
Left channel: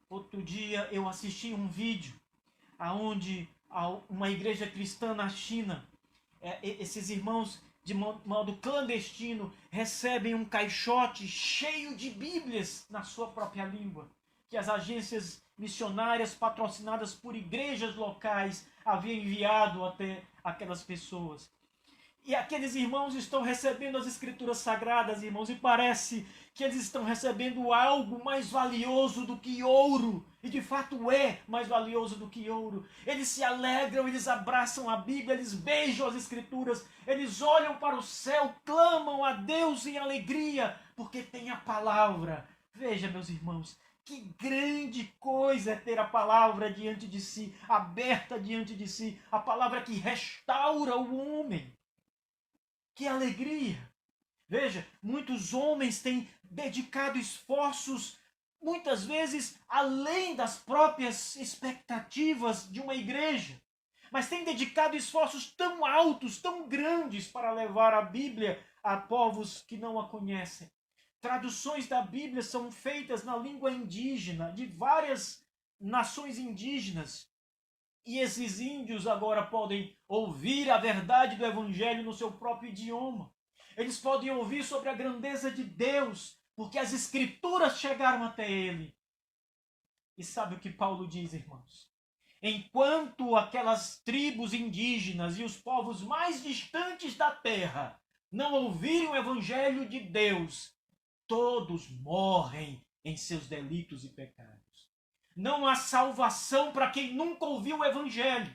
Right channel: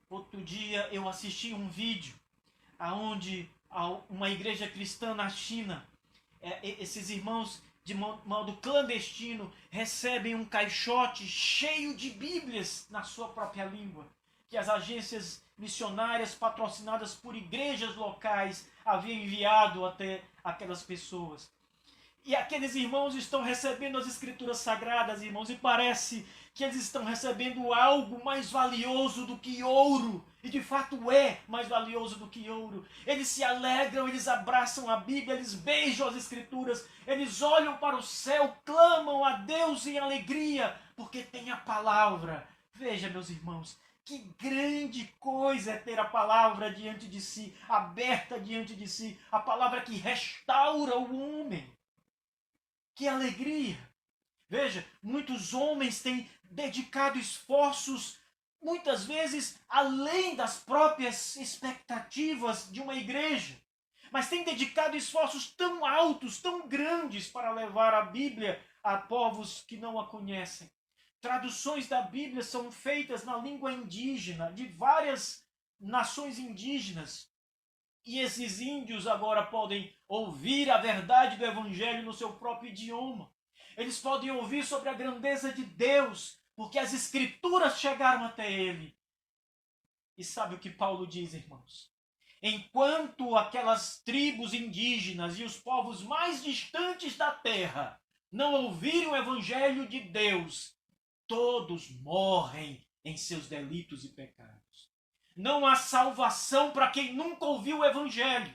Outro dia eu assisti um vídeo aonde uma igreja cristã na China, esses irmãos de modo clandestino recebem um caixote cheio de Bíblias na sua própria língua, que as agências missionárias patrocinadas por igrejas locais haviam enviado até aquelas pessoas. E aqueles irmãos estão recebendo as escrituras sagradas, irmãos, e parece que eles estão recebendo algo mais valioso do que ouro. E de fato é mais valioso do que ouro. Eles se alegram, eles abraçam a Bíblia, eles beijam as escrituras, eles olham para o céu, clamam a Deus em alegria, porque tem a palavra. Veja, meus irmãos, que grande coisa é ter a palavra diante de si, aberta diante de si, a palavra que restaura o homem. Que alegria! Veja, muitos homens têm dedicado esforços, muitas vezes além das próprias expectativas de uma igreja, mas têm dedicado esforços tão altos, tão grandes para levar a Bíblia a povos que não a conhecem. Traduções da Bíblia são feitas na língua indígena, de várias nações indígenas. E esses índios agora podem ouvir a verdade do Evangelho no seu próprio idioma. Eles podem ouvir sobre a grandeza de Deus, porque as Escrituras chegaram até ele. E sabe o que Paulo diz, irmãos? Enquanto aquelas tribos indígenas e os povos mais distantes da terra não ouvirem o Evangelho de Deus, todos morrem em seus delitos e pecados. Não há salvação para quem nunca ouviu o Evangelho.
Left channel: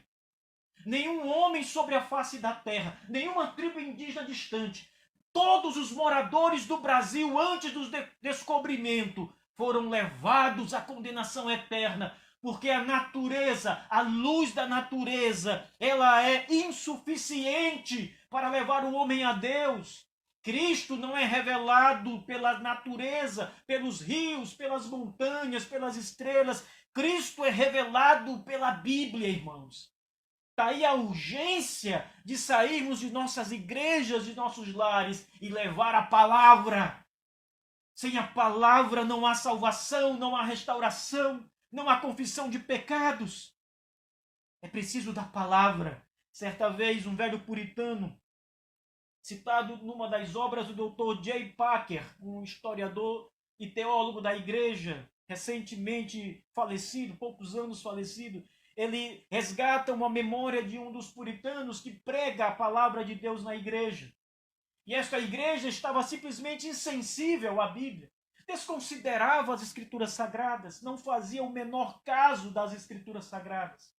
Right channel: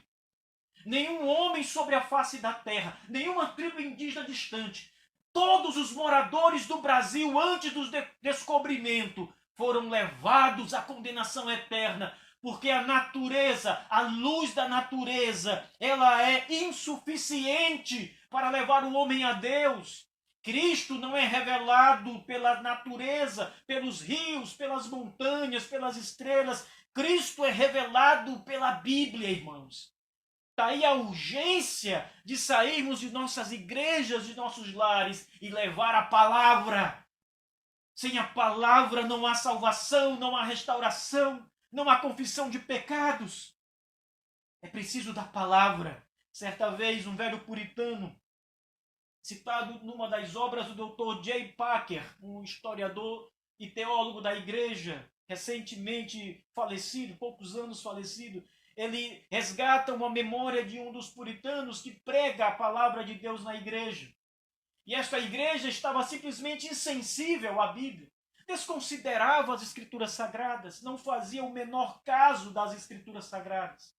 Nenhum homem sobre a face da terra, nenhuma tribo indígena distante, todos os moradores do Brasil antes do descobrimento foram levados à condenação eterna, porque a natureza, a luz da natureza, ela é insuficiente para levar o homem a Deus. Cristo não é revelado pela natureza, pelos rios, pelas montanhas, pelas estrelas. Cristo é revelado pela Bíblia, irmãos. Daí a urgência de sairmos de nossas igrejas, de nossos lares e levar a palavra. Sem a palavra não há salvação, não há restauração, não há confissão de pecados. É preciso da palavra. Certa vez, um velho puritano, citado numa das obras do Dr. J. Packer, um historiador e teólogo da igreja, recentemente falecido, poucos anos falecido, ele resgata uma memória de um dos puritanos que prega a palavra de Deus na igreja. E esta igreja estava simplesmente insensível à Bíblia, desconsiderava as escrituras sagradas, não fazia o menor caso das escrituras sagradas.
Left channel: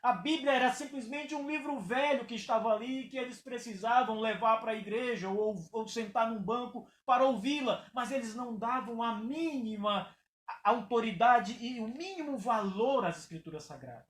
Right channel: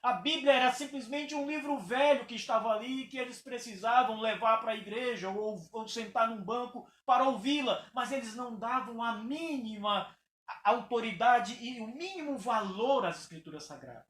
A Bíblia era simplesmente um livro velho que estava ali, que eles precisavam levar para a igreja ou sentar num banco para ouvi-la, mas eles não davam a mínima autoridade e o mínimo valor às escrituras sagradas.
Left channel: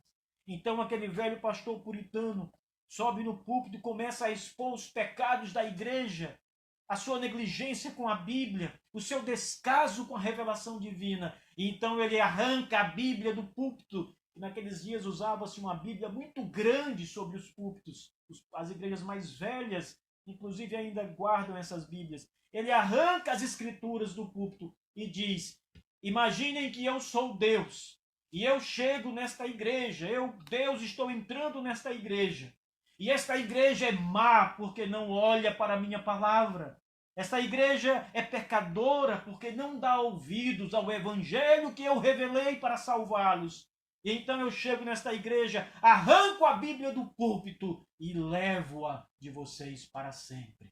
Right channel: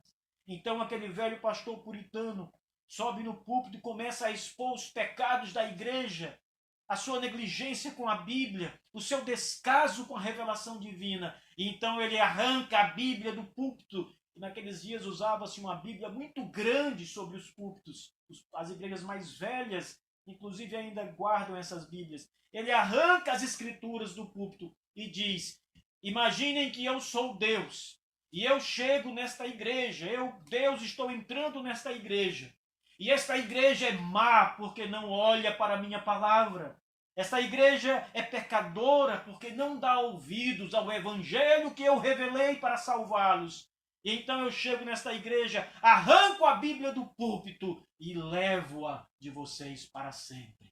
Então aquele velho pastor puritano sobe no púlpito e começa a expor os pecados da igreja, a sua negligência com a Bíblia, o seu descaso com a revelação divina. E então ele arranca a Bíblia do púlpito. Naqueles dias usava-se uma Bíblia muito grande sobre os púlpitos. As igrejas mais velhas, inclusive, ainda guardam essas Bíblias. Ele arranca as escrituras do púlpito e diz: imaginem que eu sou Deus e eu chego nesta igreja, Deus, estou entrando nesta igreja. E esta igreja é má porque não olha para a minha palavra. Esta igreja é pecadora porque não dá ouvidos ao evangelho que eu revelei para salvá-los. E então eu chego nesta igreja, arranco a Bíblia do púlpito e levo-a de vocês para sempre.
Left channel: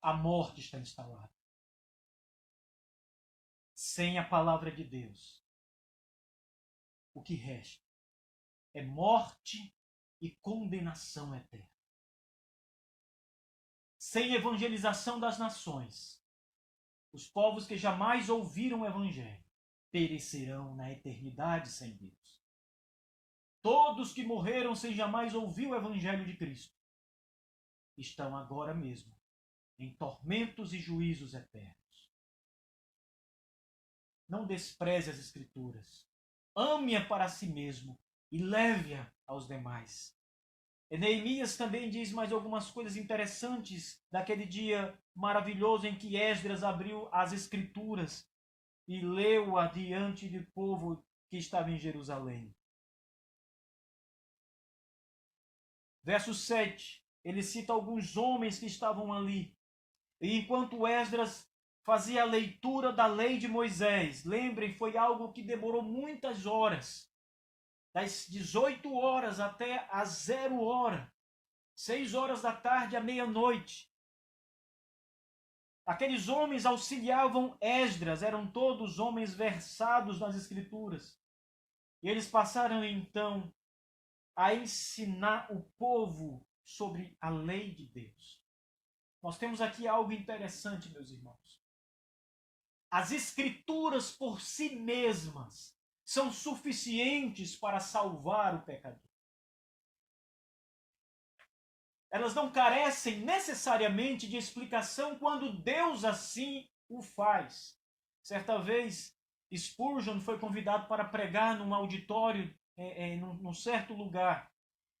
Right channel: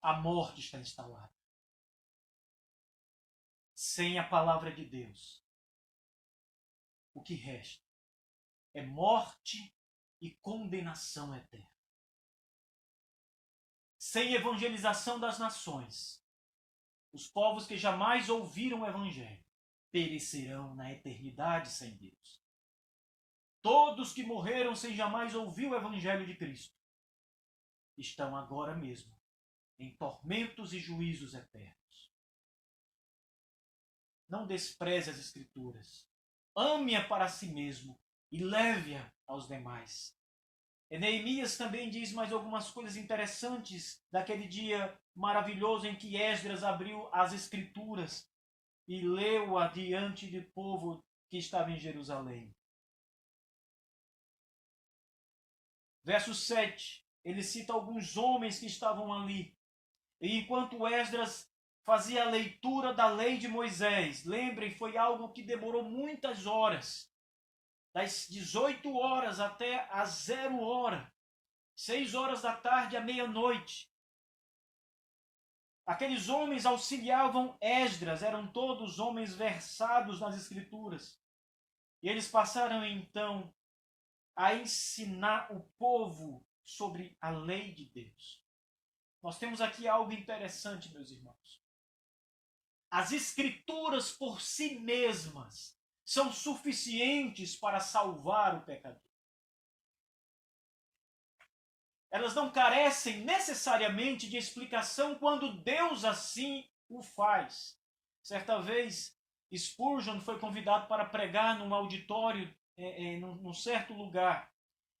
A morte está instalada. Sem a palavra de Deus, o que resta é morte e condenação eterna. Sem evangelização das nações, os povos que jamais ouviram o Evangelho perecerão na eternidade sem Deus. Todos que morreram sem jamais ouvir o Evangelho de Cristo estão agora mesmo em tormentos e juízos eternos. Não despreze as Escrituras. Ame-a para si mesmo e leve-a aos demais. E Neemias também diz mais algumas coisas interessantes daquele dia maravilhoso em que Esdras abriu as Escrituras e leu-a diante do povo que estava em Jerusalém. Verso 7, ele cita alguns homens que estavam ali. E enquanto Esdras fazia a leitura da lei de Moisés, lembrem, foi algo que demorou muitas horas, das 18 horas até a 0 hora, 6 horas da tarde à meia-noite. Aqueles homens auxiliavam Esdras, eram todos homens versados nas Escrituras. E eles passaram então a ensinar o povo sobre a lei de Deus. Nós temos aqui algo interessante, meus irmãos. As Escrituras por si mesmas são suficientes para salvar o pecador. Elas não carecem necessariamente de explicação quando Deus assim o faz. Certa vez, Spurgeon foi convidado para pregar num auditório, num certo lugar.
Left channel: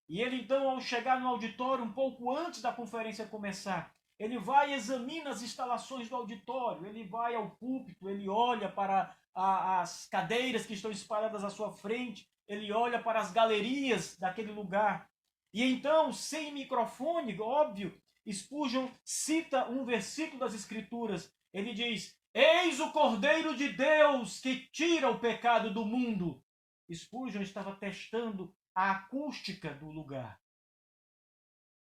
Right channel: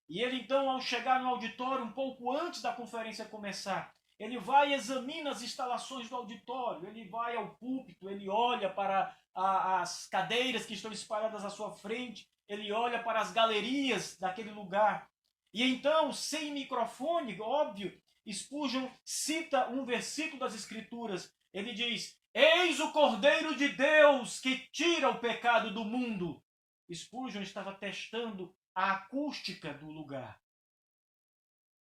E ele então, ao chegar no auditório, um pouco antes da conferência começar, ele vai e examina as instalações do auditório, ele vai ao púlpito, ele olha para as cadeiras que estão espalhadas à sua frente, ele olha para as galerias daquele lugar. E então, sem microfone, óbvio, Spurgeon cita um versículo das Escrituras. Ele diz: eis o Cordeiro de Deus que tira o pecado do mundo. Spurgeon estava testando a acústica do lugar.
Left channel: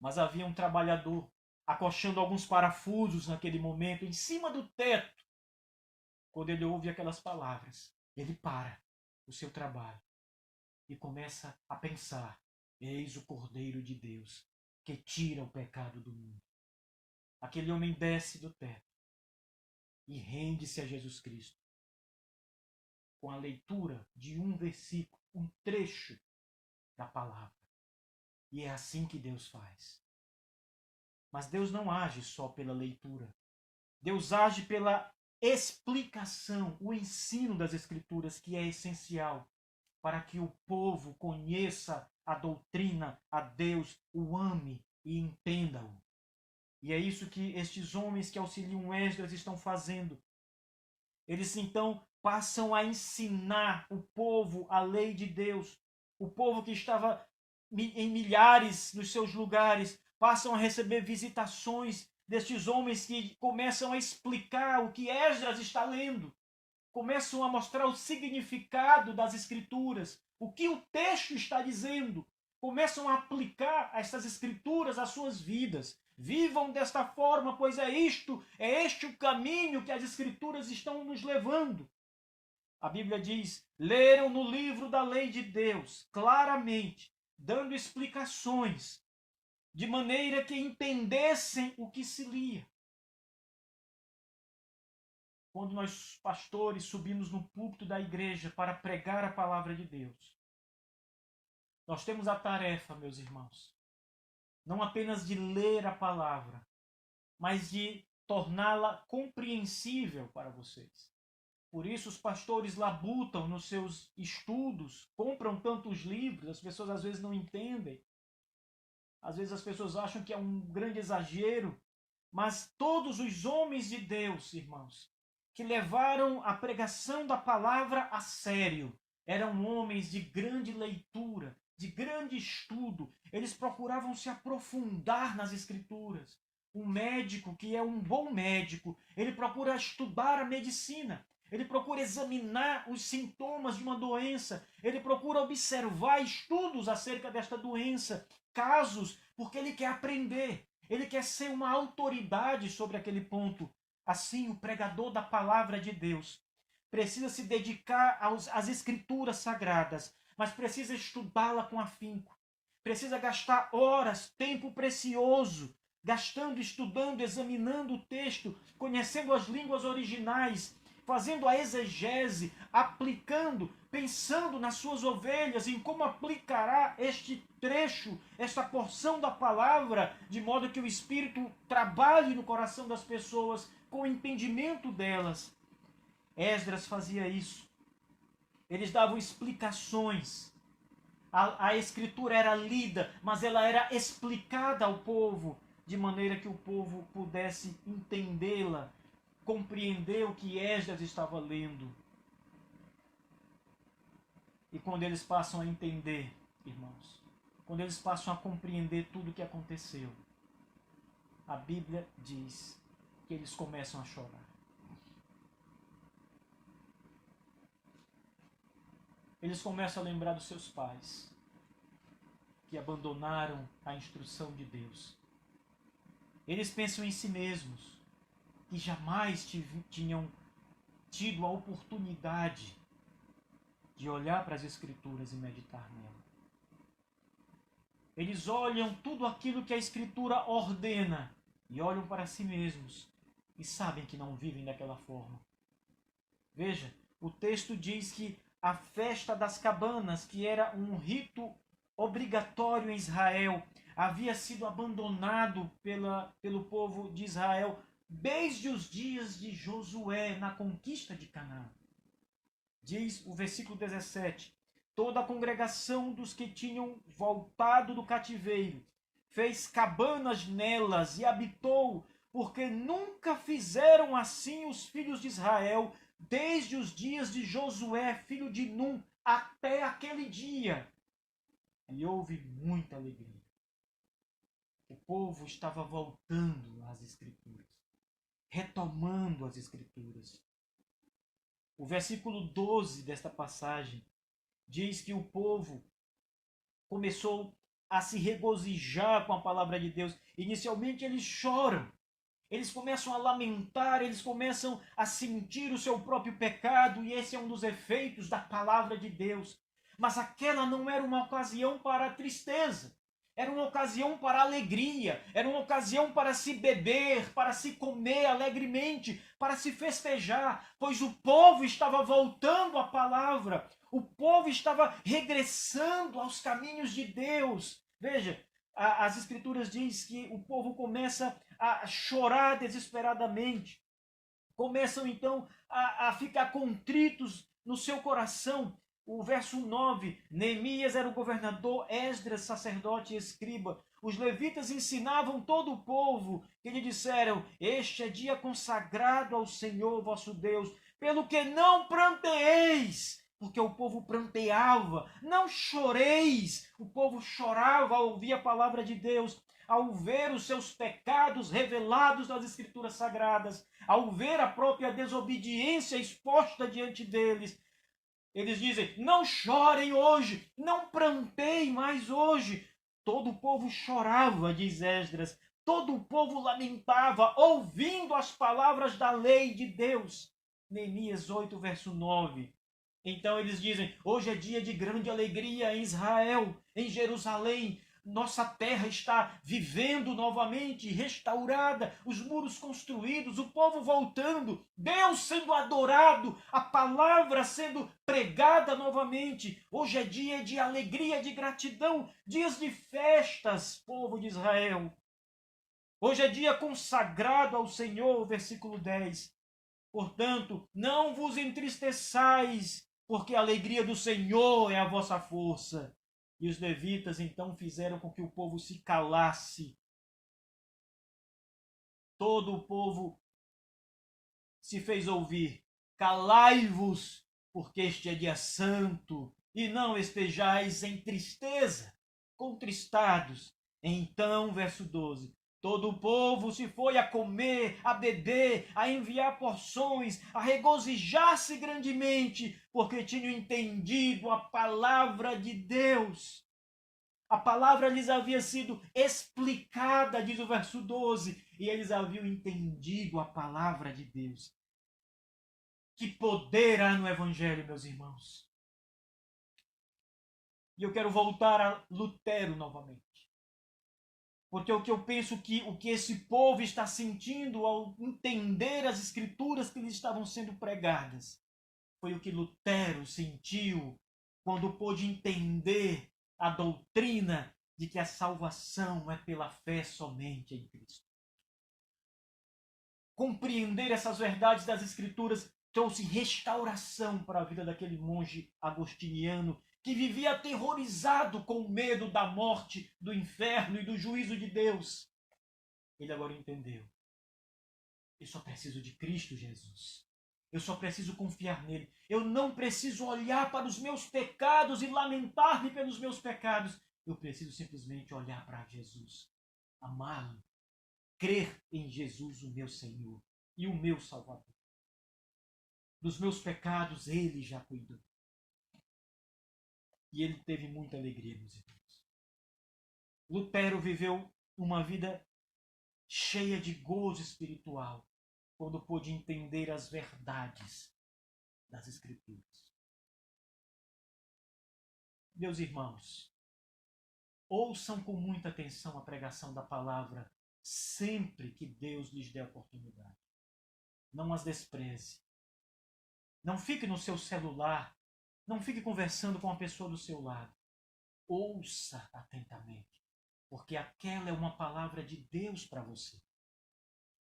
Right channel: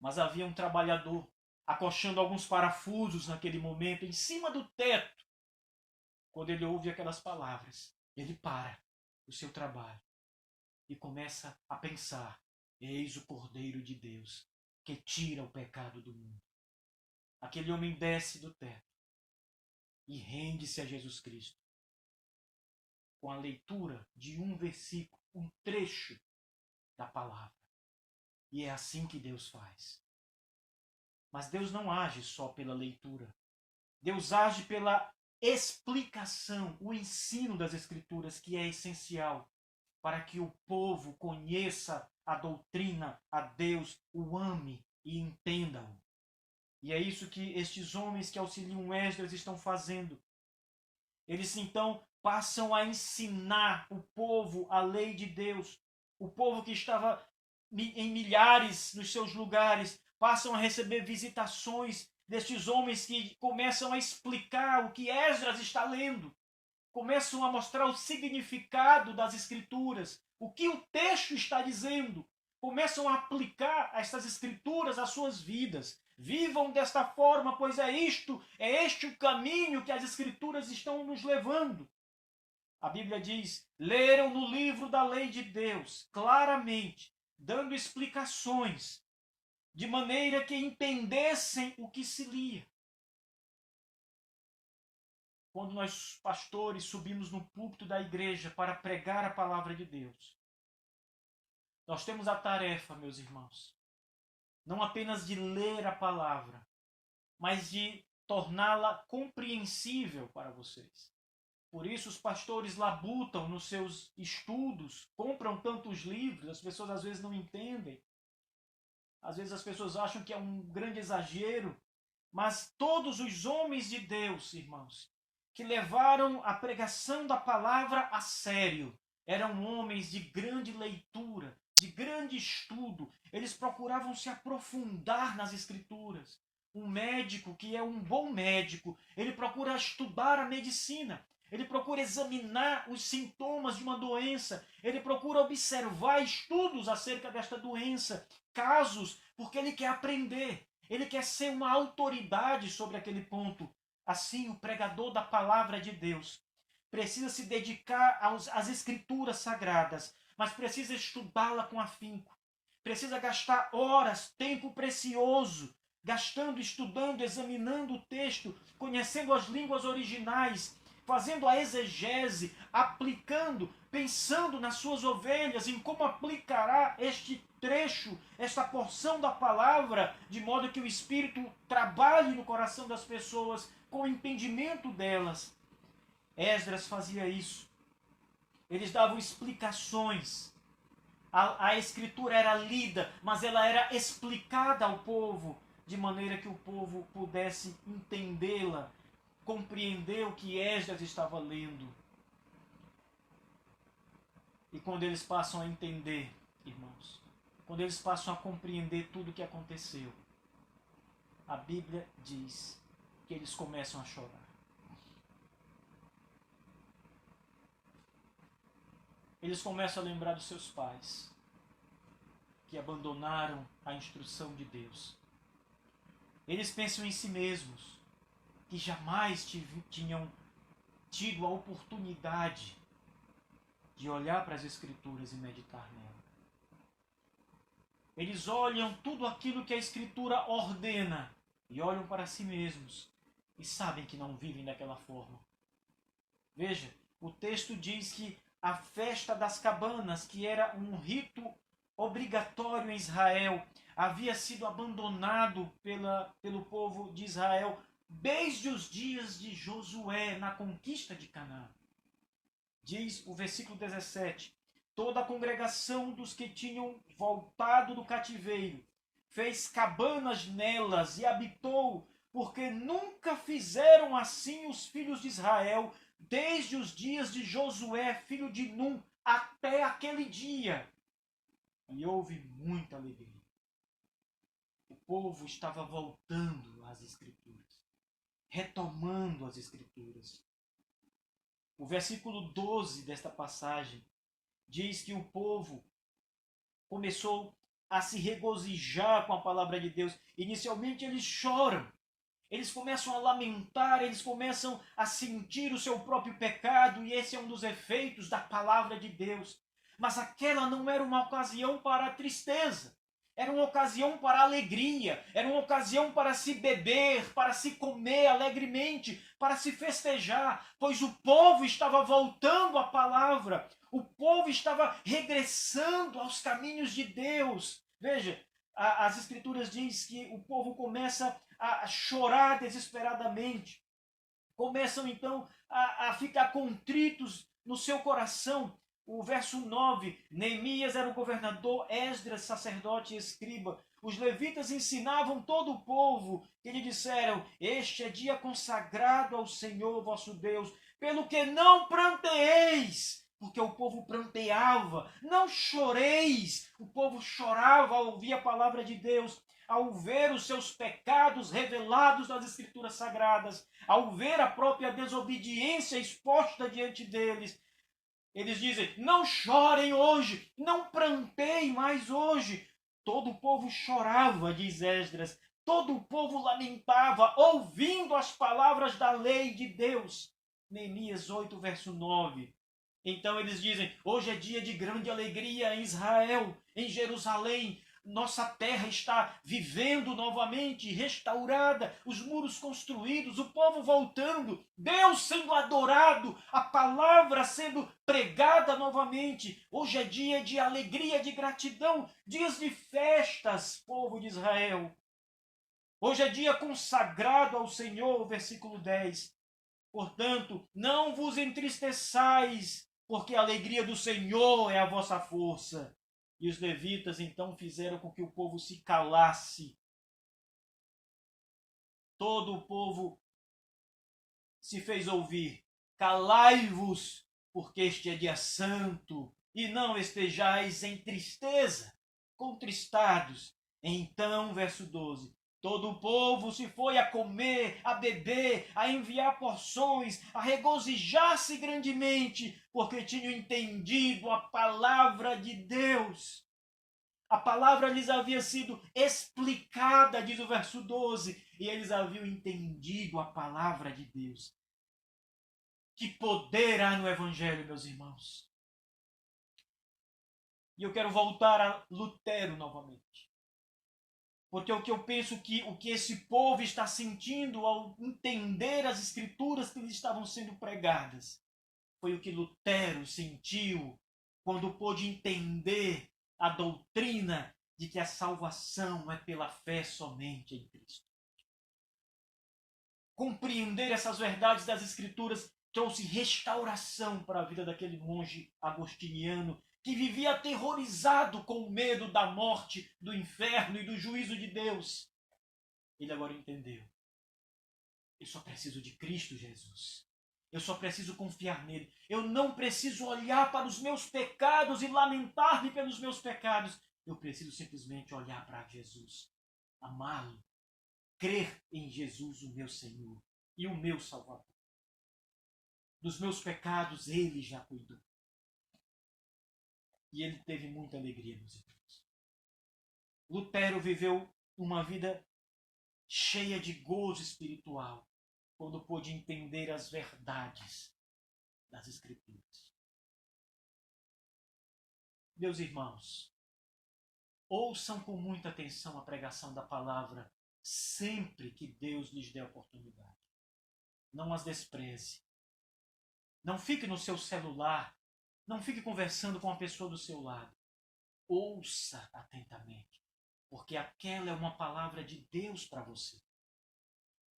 Mas havia um trabalhador acochando alguns parafusos naquele momento, em cima do teto. Quando ele ouve aquelas palavras, ele para o seu trabalho e começa a pensar: eis o Cordeiro de Deus que tira o pecado do mundo. Aquele homem desce do teto e rende-se a Jesus Cristo com a leitura de um versículo, um trecho da palavra. E é assim que Deus faz. Mas Deus não age só pela leitura. Deus age pela explicação, o ensino das Escrituras, que é essencial para que o povo conheça a doutrina, a Deus, o ame e entenda-o. E é isso que estes homens que auxiliam Esdras estão fazendo. Eles então passam a ensinar o povo a lei de Deus. O povo que estava em milhares nos seus lugares passam a receber visitações destes homens que começam a explicar o que Esdras está lendo. Começam a mostrar o significado das Escrituras, o que o texto está dizendo. Começam a aplicar estas Escrituras às suas vidas. Vivam desta forma, pois é este o caminho que as Escrituras estão nos levando. A Bíblia diz: leram no livro da lei de Deus, claramente, dando explicações, de maneira que entendessem o que se lia. Quando nós, pastores, subimos no púlpito da igreja para pregar a palavra de Deus, nós temos a tarefa, meus irmãos, não apenas de ler a palavra, mas de torná-la compreensível para vocês. Por isso os pastores labutam nos seus estudos, compram tantos livros, as pessoas às vezes não entendem. Às vezes as pessoas acham que é um grande exagero, mas todos os homens de Deus, irmãos, que levaram a pregação da palavra a sério, eram homens de grande leitura, de grande estudo. Eles procuravam se aprofundar nas Escrituras. Um médico que é um bom médico, ele procura estudar a medicina. Ele procura examinar os sintomas de uma doença. Ele procura observar estudos acerca desta doença, casos, porque ele quer aprender. Ele quer ser uma autoridade sobre aquele ponto. Assim, o pregador da palavra de Deus precisa se dedicar às escrituras sagradas, mas precisa estudá-la com afinco. Precisa gastar horas, tempo precioso, gastando, estudando, examinando o texto, conhecendo as línguas originais, fazendo a exegese, aplicando, pensando nas suas ovelhas, em como aplicará este trecho, esta porção da palavra, de modo que o Espírito trabalhe no coração das pessoas, com o entendimento delas. Esdras fazia isso. Eles davam explicações A escritura era lida, mas ela era explicada ao povo, de maneira que o povo pudesse entendê-la, compreender o que Esdras estava lendo. E quando eles passam a entender, irmãos, quando eles passam a compreender tudo o que aconteceu, a Bíblia diz que eles começam a chorar. Eles começam a lembrar dos seus pais, que abandonaram a instrução de Deus. Eles pensam em si mesmos, que jamais tinham tido a oportunidade de olhar para as Escrituras e meditar nela. Eles olham tudo aquilo que a Escritura ordena e olham para si mesmos e sabem que não vivem daquela forma. Veja, o texto diz que a festa das cabanas, que era um rito obrigatório em Israel, havia sido abandonado pelo povo de Israel desde os dias de Josué na conquista de Canaã. Diz o versículo 17: toda a congregação dos que tinham voltado do cativeiro fez cabanas nelas e habitou, porque nunca fizeram assim os filhos de Israel desde os dias de Josué, filho de Num, até aquele dia. E houve muita alegria. O povo estava voltando às Escrituras, retomando as Escrituras. O versículo 12 desta passagem diz que o povo começou a se regozijar com a palavra de Deus. Inicialmente eles choram, eles começam a lamentar, eles começam a sentir o seu próprio pecado, e esse é um dos efeitos da palavra de Deus. Mas aquela não era uma ocasião para a tristeza, era uma ocasião para a alegria, era uma ocasião para se beber, para se comer alegremente, para se festejar, pois o povo estava voltando à palavra, o povo estava regressando aos caminhos de Deus. Veja, as Escrituras dizem que o povo começa a chorar desesperadamente, começam então a ficar contritos no seu coração. O verso 9, Neemias era o governador, Esdras, sacerdote e escriba. Os levitas ensinavam todo o povo, que lhe disseram: este é dia consagrado ao Senhor vosso Deus, pelo que não pranteeis, porque o povo pranteava. Não choreis, o povo chorava ao ouvir a palavra de Deus, ao ver os seus pecados revelados nas Escrituras Sagradas, ao ver a própria desobediência exposta diante deles. Eles dizem: não chorem hoje, não pranteiem mais hoje. Todo o povo chorava, diz Esdras, todo o povo lamentava, ouvindo as palavras da lei de Deus. Neemias 8, verso 9. Então eles dizem: hoje é dia de grande alegria em Israel, em Jerusalém. Nossa terra está vivendo novamente, restaurada, os muros construídos, o povo voltando, Deus sendo adorado, a palavra sendo pregada novamente. Hoje é dia de alegria, de gratidão, dias de festas, povo de Israel. Hoje é dia consagrado ao Senhor, versículo 10. Portanto, não vos entristeçais, porque a alegria do Senhor é a vossa força. E os levitas então fizeram com que o povo se calasse. Todo o povo se fez ouvir: calai-vos, porque este é dia santo, e não estejais em tristeza, contristados. Então, verso 12: todo o povo se foi a comer, a beber, a enviar porções, a regozijar-se grandemente, porque tinham entendido a palavra de Deus. A palavra lhes havia sido explicada, diz o verso 12, e eles haviam entendido a palavra de Deus. Que poder há no Evangelho, meus irmãos. E eu quero voltar a Lutero novamente. Porque o que eu penso que o que esse povo está sentindo ao entender as Escrituras que lhes estavam sendo pregadas foi o que Lutero sentiu quando pôde entender a doutrina de que a salvação é pela fé somente em Cristo. Compreender essas verdades das Escrituras trouxe restauração para a vida daquele monge agostiniano que vivia aterrorizado com o medo da morte, do inferno e do juízo de Deus, ele agora entendeu. Eu só preciso de Cristo Jesus. Eu só preciso confiar nele. Eu não preciso olhar para os meus pecados e lamentar-me pelos meus pecados. Eu preciso simplesmente olhar para Jesus, amá-lo, crer em Jesus, o meu Senhor e o meu Salvador. Dos meus pecados ele já cuidou. E ele teve muita alegria, meus irmãos. Lutero viveu uma vida cheia de gozo espiritual quando pôde entender as verdades das Escrituras. Meus irmãos, ouçam com muita atenção a pregação da palavra sempre que Deus lhes der oportunidade. Não as despreze. Não fique no seu celular. Não fique conversando com a pessoa do seu lado. Ouça atentamente, porque aquela é uma palavra de Deus para você.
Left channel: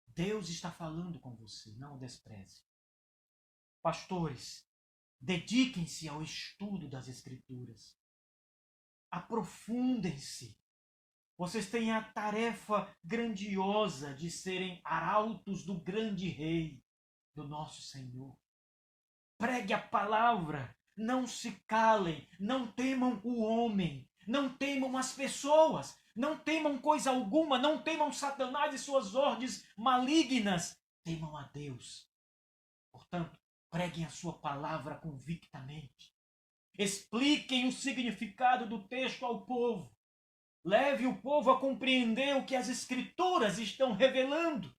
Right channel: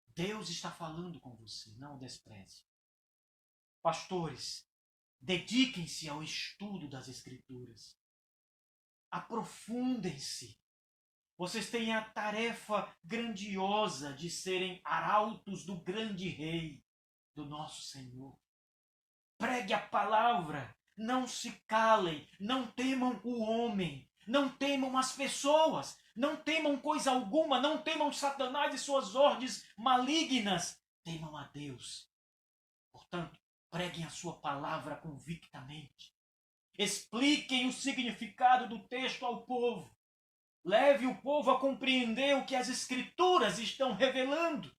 Deus está falando com você, não o despreze. Pastores, dediquem-se ao estudo das Escrituras. Aprofundem-se. Vocês têm a tarefa grandiosa de serem arautos do grande Rei, do nosso Senhor. Pregue a palavra, não se calem, não temam o homem, não temam as pessoas, não temam coisa alguma, não temam Satanás e suas ordens malignas, temam a Deus. Portanto, preguem a sua palavra convictamente. Expliquem o significado do texto ao povo. Leve o povo a compreender o que as Escrituras estão revelando.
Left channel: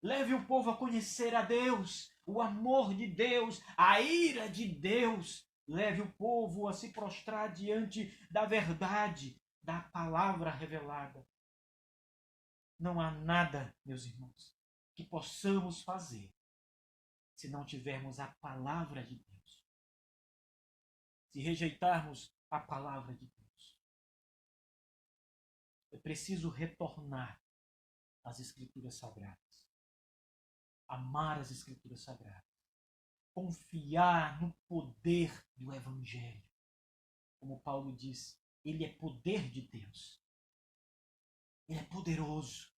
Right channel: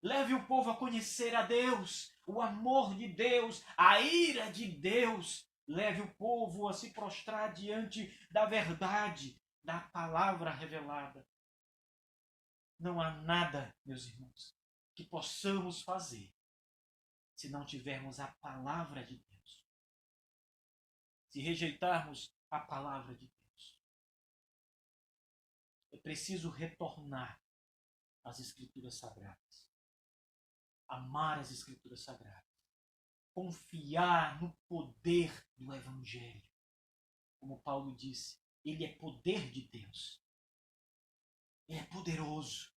Leve o povo a conhecer a Deus, o amor de Deus, a ira de Deus. Leve o povo a se prostrar diante da verdade, da palavra revelada. Não há nada, meus irmãos, que possamos fazer se não tivermos a palavra de Deus. Se rejeitarmos a palavra de Deus, é preciso retornar às Escrituras Sagradas. Amar as Escrituras Sagradas. Confiar no poder do Evangelho. Como Paulo disse, ele é poder de Deus. Ele é poderoso.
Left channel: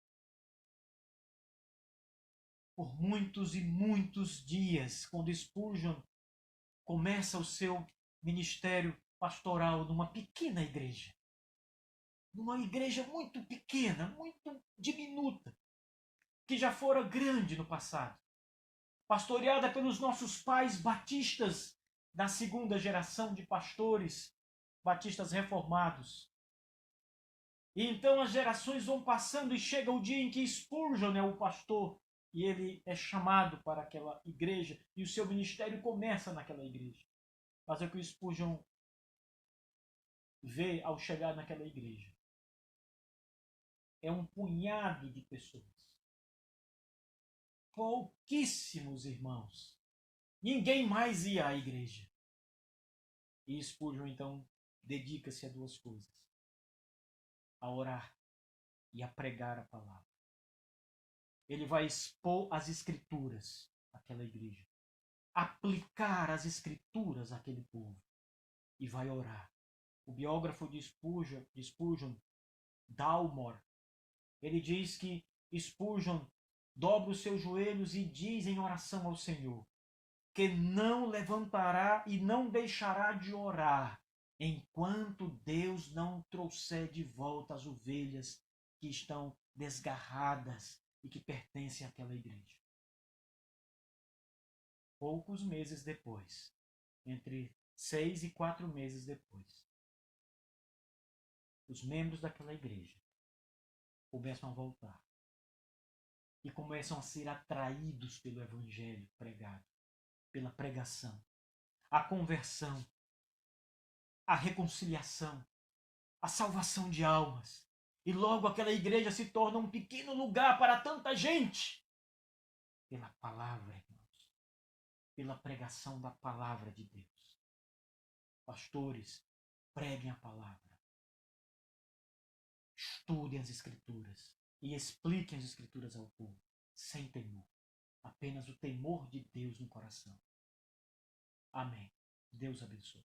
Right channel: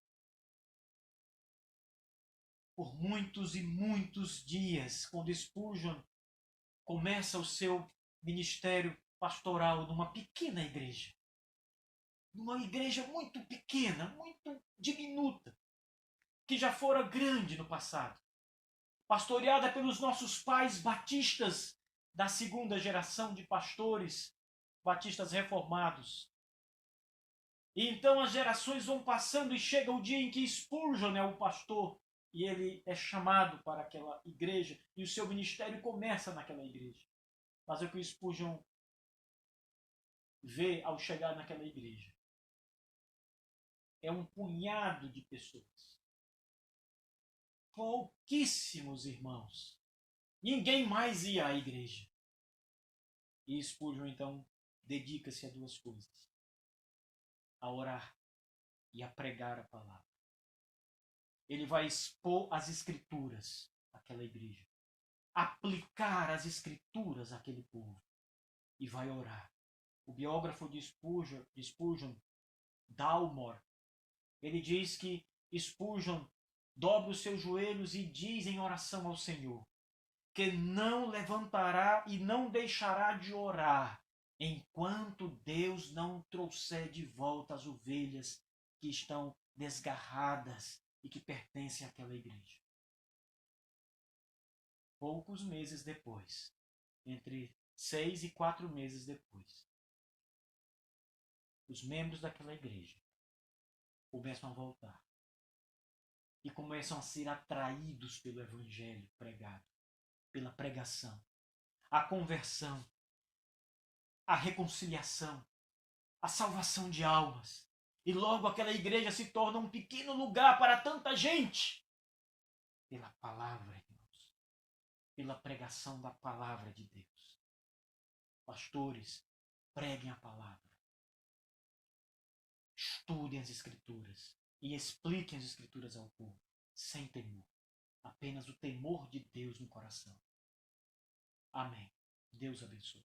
Por muitos e muitos dias, quando Spurgeon começa o seu ministério pastoral numa pequena igreja, numa igreja muito pequena, muito diminuta, que já fora grande no passado, pastoreada pelos nossos pais batistas da segunda geração de pastores batistas reformados. E então as gerações vão passando e chega o dia em que Spurgeon é o pastor e ele é chamado para aquela igreja e o seu ministério começa naquela igreja. Mas o que o Spurgeon vê ao chegar naquela igreja é um punhado de pessoas. Pouquíssimos irmãos. Ninguém mais ia à igreja. E Spurgeon, então, dedica-se a duas coisas. A orar e a pregar a palavra. Ele vai expor as Escrituras àquela igreja. Aplicar as Escrituras àquele povo. E vai orar. O biógrafo de Spurgeon, Dalmor, ele diz que Spurgeon dobra os seus joelhos e diz em oração ao Senhor que não levantará e não deixará de orar enquanto Deus não trouxer de volta as ovelhas que estão desgarradas e que pertencem àquela igreja. Poucos meses depois, entre 6 e 4 meses depois, os membros daquela igreja começam a voltar e começam a ser atraídos pelo evangelho pregado, pela pregação, a conversão, a reconciliação, a salvação de almas. E logo aquela igreja se torna um pequeno lugar para tanta gente. Pela palavra, irmãos. Pela pregação da palavra de Deus. Pastores, preguem a palavra. Estudem as Escrituras e expliquem as Escrituras ao povo, sem temor. Apenas o temor de Deus no coração. Amém. Deus abençoe.